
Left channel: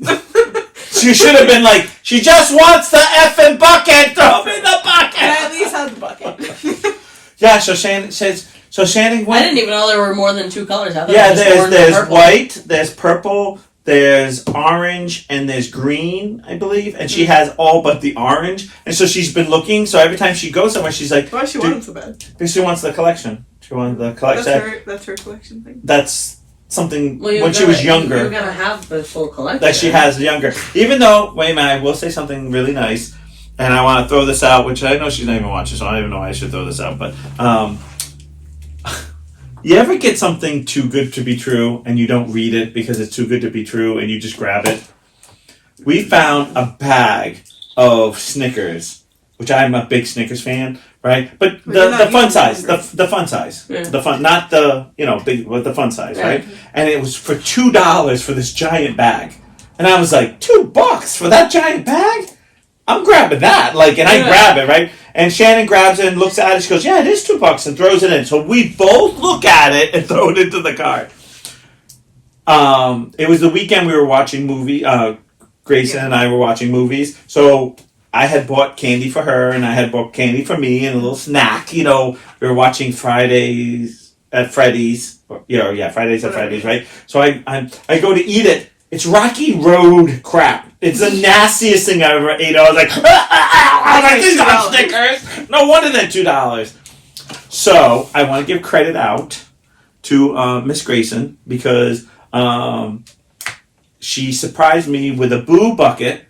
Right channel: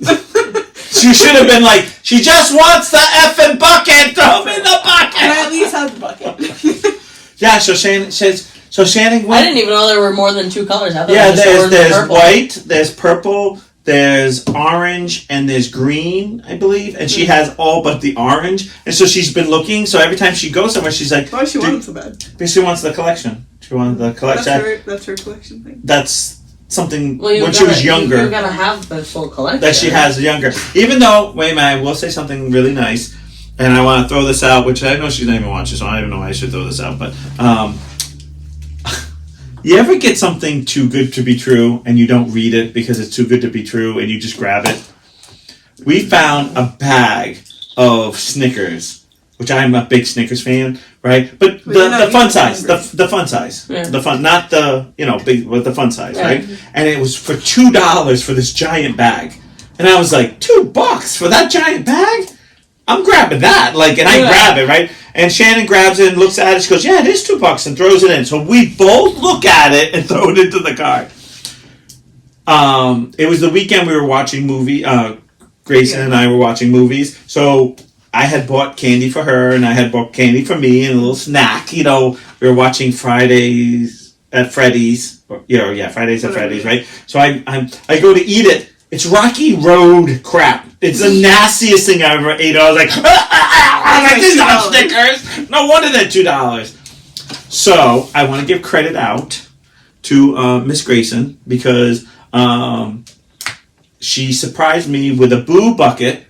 She should have been like, she just wants the effing bucket. Throw me the And I bucket. at least had the bucket. Yeah. So Shannon says. So Shannon I went. didn't even know there were more than 2 colors. I thought Yeah, it was just orange and there's purple. white, there's purple, there's orange, and there's green, I believe. And she has all but the orange. And so she's been looking. So every time she goes somewhere, she's like, Why she wanted so bad? because she wants the collection. She wanted the collection. That's her collection thing. That's something Well, when she was younger. You're gonna have the full collection. That she has younger. Even though, wait a minute, I will say something really nice, and I want to throw this out, which I know she's not even watching, so I don't even know why I should throw this out, but you ever get something too good to be true, and you don't read it because it's too good to be true, and you just grab it? We found a bag of Snickers which I'm a big Snickers fan, right? But But you're the not fun eating size, Snickers. the fun size, Yeah. the fun, not the big, but the fun size, Yeah. right? And it was for $2 for this giant bag, and I was like, $2 for that giant bag? I'm grabbing that, like, and I grab it, right? And Shannon grabs it and looks at it. She goes, "Yeah, it is $2," and throws it in. So we both look at it and throw it into the cart. It was the weekend we were watching Grayson and I were watching movies. So I had bought candy for her and I had bought candy for me and a little snack. We were watching Fridays at Freddy's. Fridays at Freddy's, right? So I go to eat it. It's Rocky Road crap. It's the nastiest thing I ever ate. I was like, these are Snickers. No wonder they're $2. So I want to give credit out to Miss Grayson because she surprised me with a Boo bucket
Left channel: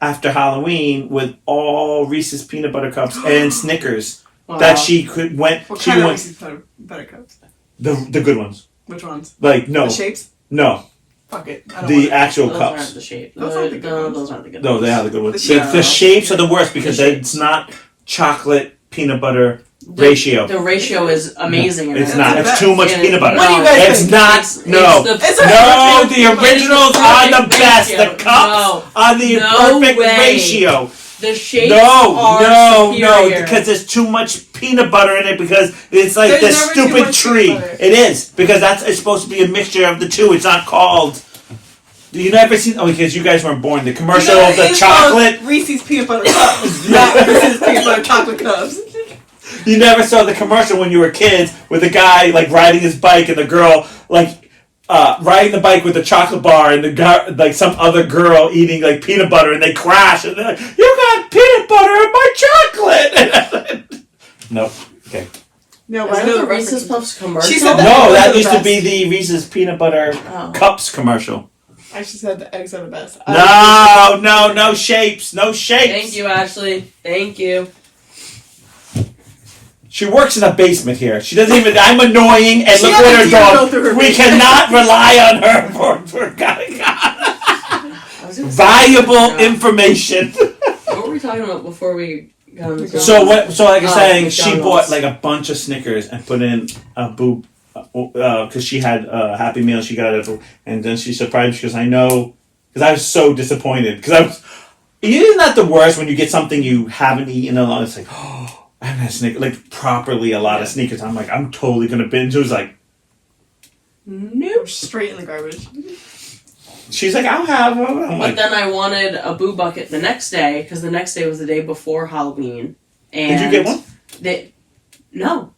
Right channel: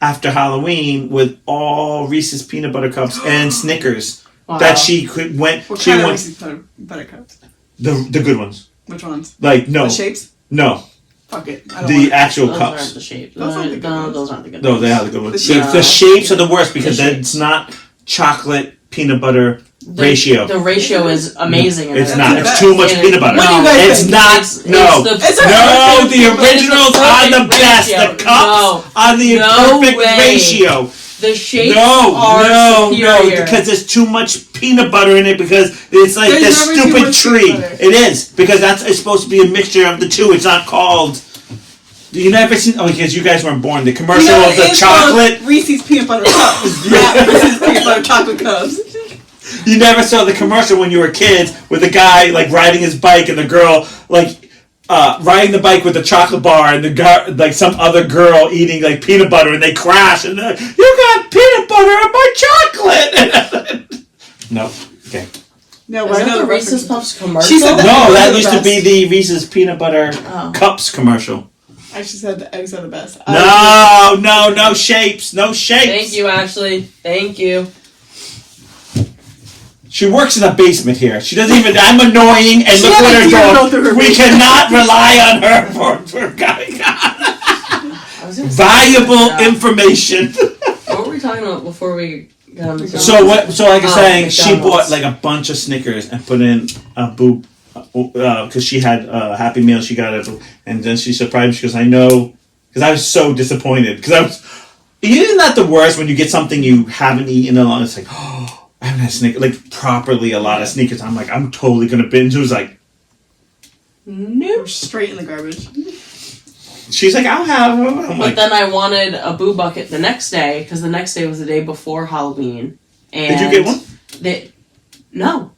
after Halloween with all Reese's peanut butter cups and Snickers that she went. What she kind of went Reese's butter cups? the good ones. Which ones? Like no The shapes? no Fuck it. I don't the want it. actual Those cups. aren't the shape. Those aren't the good ones. Those aren't the good No, ones. they are the good ones. The The, shapes. the shapes are the worst because The shapes. it's not chocolate peanut butter ratio. The ratio is amazing. in It's it. not. the It's best. too much Yeah. peanut butter. What do you guys It's think? not. No. It's No, a- the originals It's are the perfect best. The ratio. cups No. are the No perfect way. ratio. The shapes No, are superior. because there's too much peanut butter in it because it's like There's this never too stupid much tree. peanut butter. It is because it's supposed to be a mixture of the two. It's not called. You never seen? Oh, because you guys weren't born. The commercial of the it's chocolate. called Reese's peanut butter cups, not Reese's peanut butter chocolate cups. You never saw the commercial when you were kids with the guy like riding his bike and the girl like riding the bike with the chocolate bar and the guy like some other girl eating like peanut butter and they crash and they're like, "You got peanut butter in my chocolate." Nope. Okay. No, Is I know the the Reese's reference. Puffs commercial? She said that- No, Those are that the used to best. be the Reese's peanut butter Oh. cups commercial. I just said the eggs are the best. No shapes, no shapes. Thank you, Ashley. Thank you. She works in a basement here. She doesn't even. I'm annoying, and She look had what a her deer go dog. through her We basement. cannot rely on her for guiding. I was gonna say, Valuable yeah. information. What were we talking about before we got on the So what? So like I was saying, she McDonald's. bought like a bunch of Snickers and put in a Boo because she had a Happy Meal. She got it, and then she surprised me. She goes, "I know," because I was so disappointed because I was. Isn't that the worst when you get something you haven't eaten in a long? It's like, oh, I haven't had Snickers like properly a lot of sneakers. I'm like, I'm totally gonna binge. It was like, Nope. Straight in the garbage. she's like, I'll have them. I'm But like, then I wanted a Boo bucket the next day because the next day was the day before Halloween. And did you get one? No.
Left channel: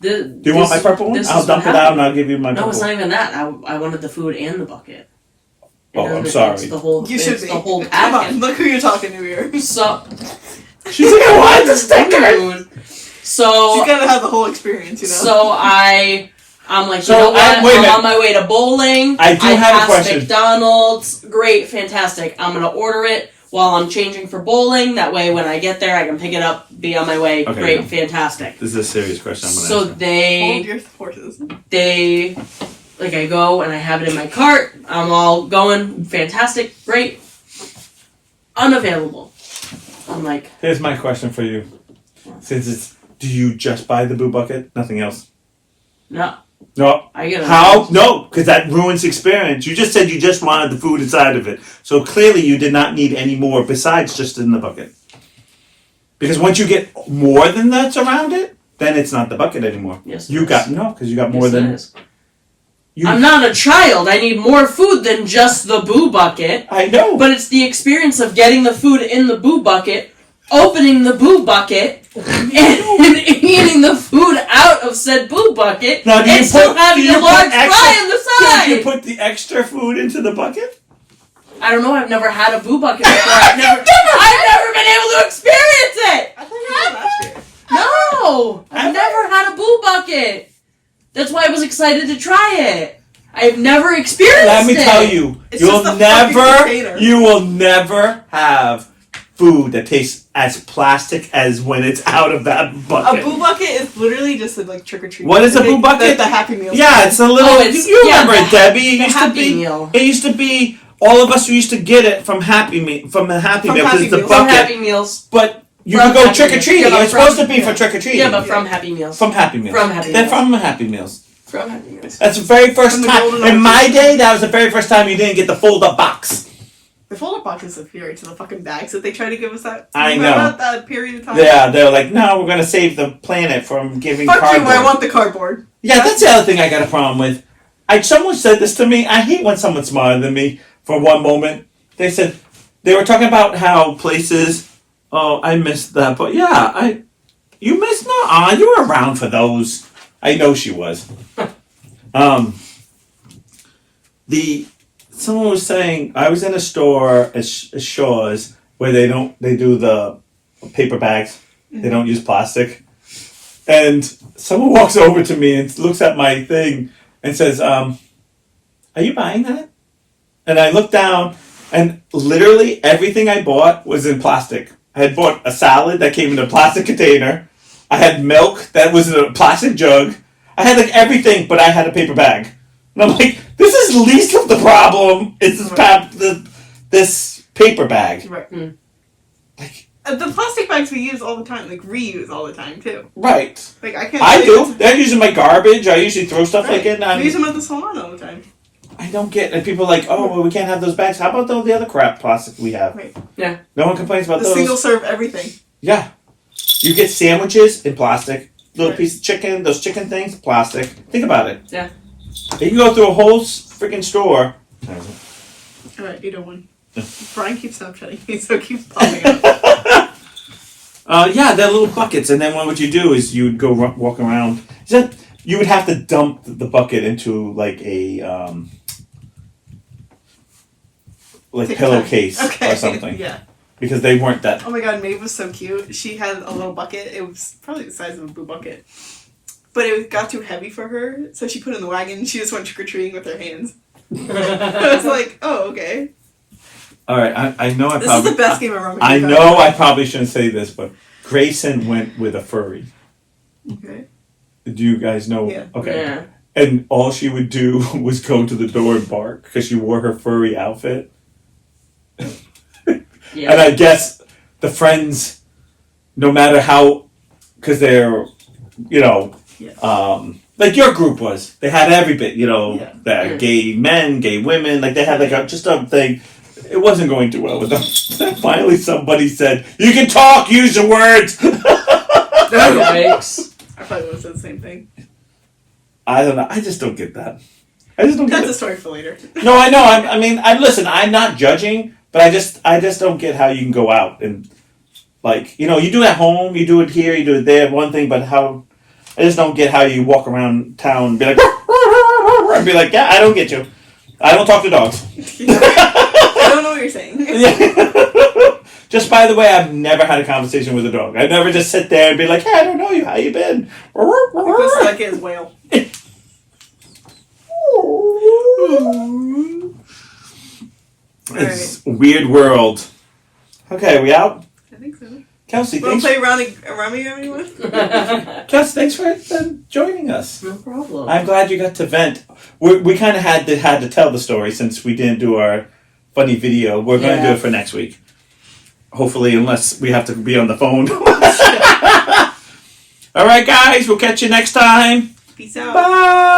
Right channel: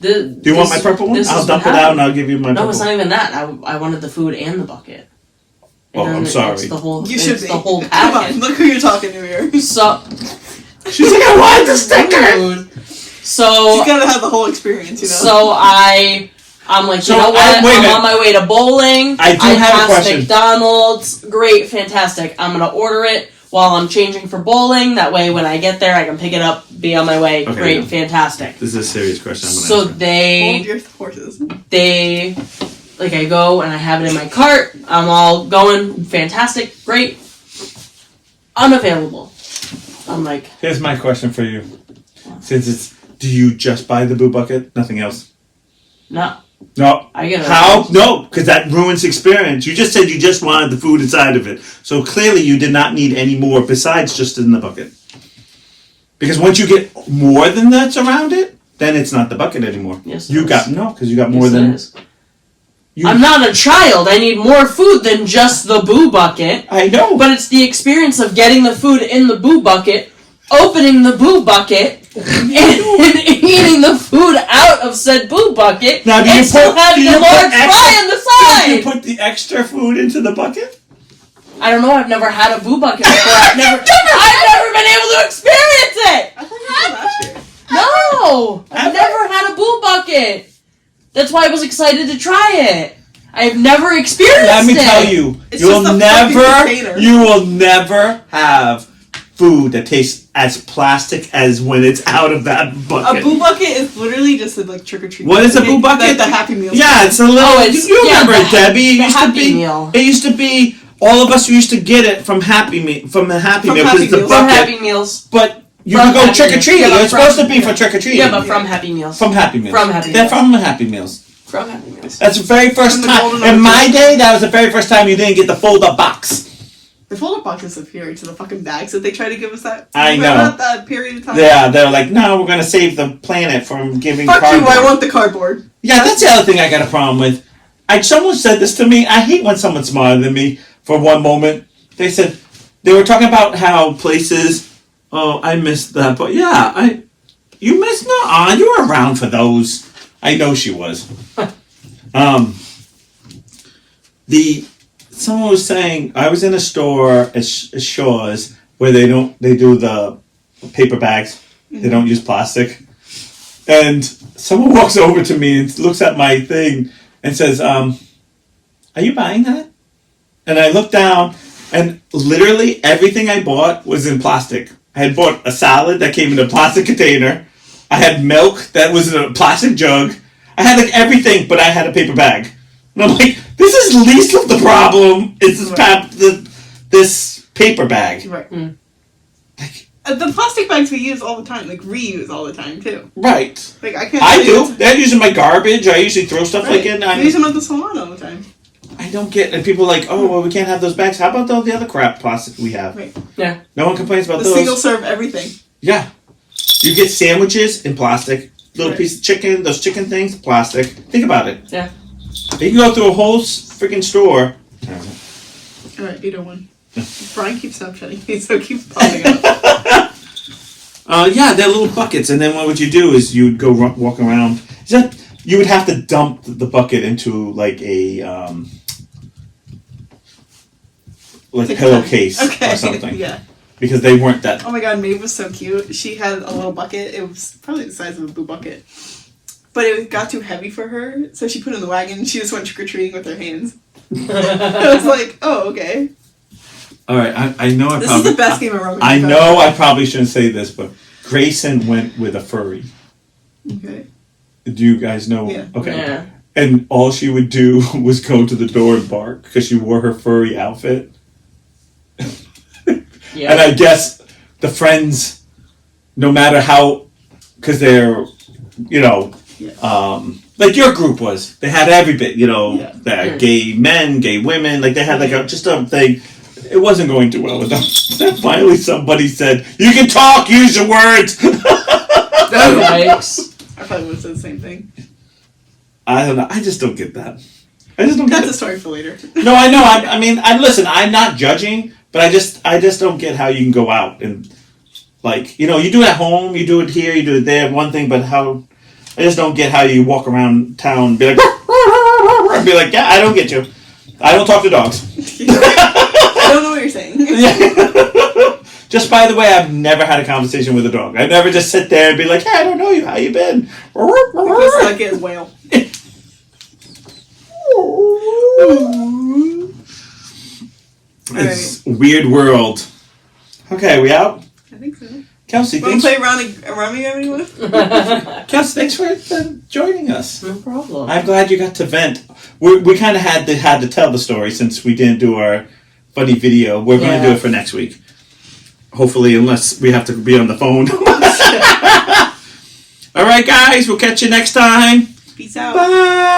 Do you want my purple one? I'll dump it out and I'll give you my No, purple. it's not even that. I wanted the food and the bucket. Oh, And then I'm sorry. It's the whole. You should it's be. the whole Come packet. on, look who you're talking to here. So. She's like, I wanted the sticker. So. She's gotta have the whole experience, you know. So I'm like, So, you know what? wait a I'm minute. on my way to bowling. I do have a passed question. McDonald's. Great, fantastic. I'm gonna order it while I'm changing for bowling. That way, when I get there, I can pick it up, be on my way. Okay, Great, no. fantastic. This is a serious question. I'm gonna So ask her. Hold your horses. I go and I have it in my cart. I'm all going, fantastic, great. Unavailable. I'm like, Here's my question for you. Since it's, do you just buy the Boo bucket? Nothing else? no. No. I get it. How? No, because that ruins the experience. You just said you just wanted the food inside of it. So clearly you did not need any more besides just in the bucket. Because once you get more than that's around it, then it's not the bucket anymore. Yes, it You is. got, no, because you got more Yes, it than... is. You, I'm not a child. I need more food than just the Boo bucket. I know. But it's the experience of getting the food in the Boo bucket, opening the Boo bucket, and eating the food out of said Boo bucket, Now, do you and still put- having do a you put large extra- fry on the Did you side. put the extra food into the bucket? I don't know. I've never had a Boo bucket before. I've never been able to experience it. I thought you did last year. No, I've never had a Boo bucket. That's why I was excited to try it. I've never experienced Let me it. tell you, It's just a fucking container. you will never have food that tastes as plastic as when it's out of that bucket. A Boo bucket is literally just a, like trick or treat. What is a Boo bucket? The Happy Meal. Yeah, it's a little. Oh, it's- you yeah, remember it, Debbie? It the used to Happy be. Meal. It used to be. All of us used to get it from Happy Meal. From the Happy From Meal Happy because it's a Meals. From bucket. Happy Meals. But You From can go Happy trick or Meals. treating. Yeah, but It's supposed from- to be for trick or treating. Yeah, but from Happy Meals. From Happy Meals. From Happy They're Meals. from Happy Meals. From Happy Meals. That's the very first From the time. golden In my arches. day, that was the very first time you didn't get the fold-up box. The fold-up box is superior to the fucking bags that they try to give us that. I know. About that period of time. Yeah, they're like, no, we're gonna save the planet from giving Fuck cardboard. you, I want the cardboard. Yeah, that's the other thing I got a problem with. Someone said this to me. I hate when someone's smarter than me for one moment. They said, they were talking about how places, oh, I missed that, but yeah, you missed, no, you were around for those. I know she was. Someone was saying, I was in a store at Shaw's where they do the paper bags. They don't use plastic. And someone walks over to me and looks at my thing and says, are you buying that? And I look down and literally everything I bought was in plastic. I had bought a salad that came in a plastic container. I had milk that was in a plastic jug. I had like everything, but I had a paper bag. And I'm like, this is least of the problem. It's this paper bag. Right. Like, The plastic bags we use all the time, like reuse all the time too. right. Like I can't. I do. They're using my garbage. I usually throw stuff like in. We use them at the salon all the time. I don't get. And people are like, oh, well, we can't have those bags. How about all the other crap plastic we have? Right. Yeah. No one complains about The those. single serve everything. Yeah. You get sandwiches in plastic. Little Right. piece of chicken, those chicken things, plastic. Think about it. Yeah. You can go through a whole freaking store. All right, 801. Brian keeps Snapchatting me, so it keeps popping up. Yeah, they're little buckets, and then what would you do is you would go walk around. You would have to dump the bucket into like a Take pillowcase Okay. or something, Yeah. because they weren't that. Oh my god, Maeve was so cute. She had a little bucket. It was probably the size of a boo bucket. But it got too heavy for her, so she put it in the wagon and she just went trick-or-treating with her hands. I was like, oh, okay. All right, I know I This probably. is the best game of Roman. I know I probably shouldn't say this, but Grayson went with a furry. Okay. Do you guys know? Yeah. Okay. Yeah. And all she would do was go to the door and bark because she wore her furry outfit. Yeah. And I guess the friends, no matter how, because they're, like your group was, they had every bit, Yeah. that gay men, gay women, like they had like just a thing. It wasn't going too well with them. Then finally somebody said, you can talk, use your words. Yikes. I probably would have said the same thing. I don't know. I just don't get that. I just don't get That's it. a story for later. No, I know. I mean, listen. I'm not judging, but I just don't get how you can go out and like, you do it at home, you do it here, you do it there. One thing, but how? I just don't get how you walk around town and be like, and be like, yeah, I don't get you. I don't talk to dogs. I don't know what you're saying. Yeah. Just by the way, I've never had a conversation with a dog. I never just sit there and be like, hey, I don't know you. How you been? This is like a whale. It's a weird world. Okay, we out? I think so. Kelsey, Want thanks. to play Rummy anyone? Kelsey, thanks for joining us. No problem. I'm glad you got to vent. We kind of had to tell the story since we didn't do our funny video. We're going to do it for next week. Hopefully, unless we have to be on the phone. All right, guys. We'll catch you next time. Peace out. Bye.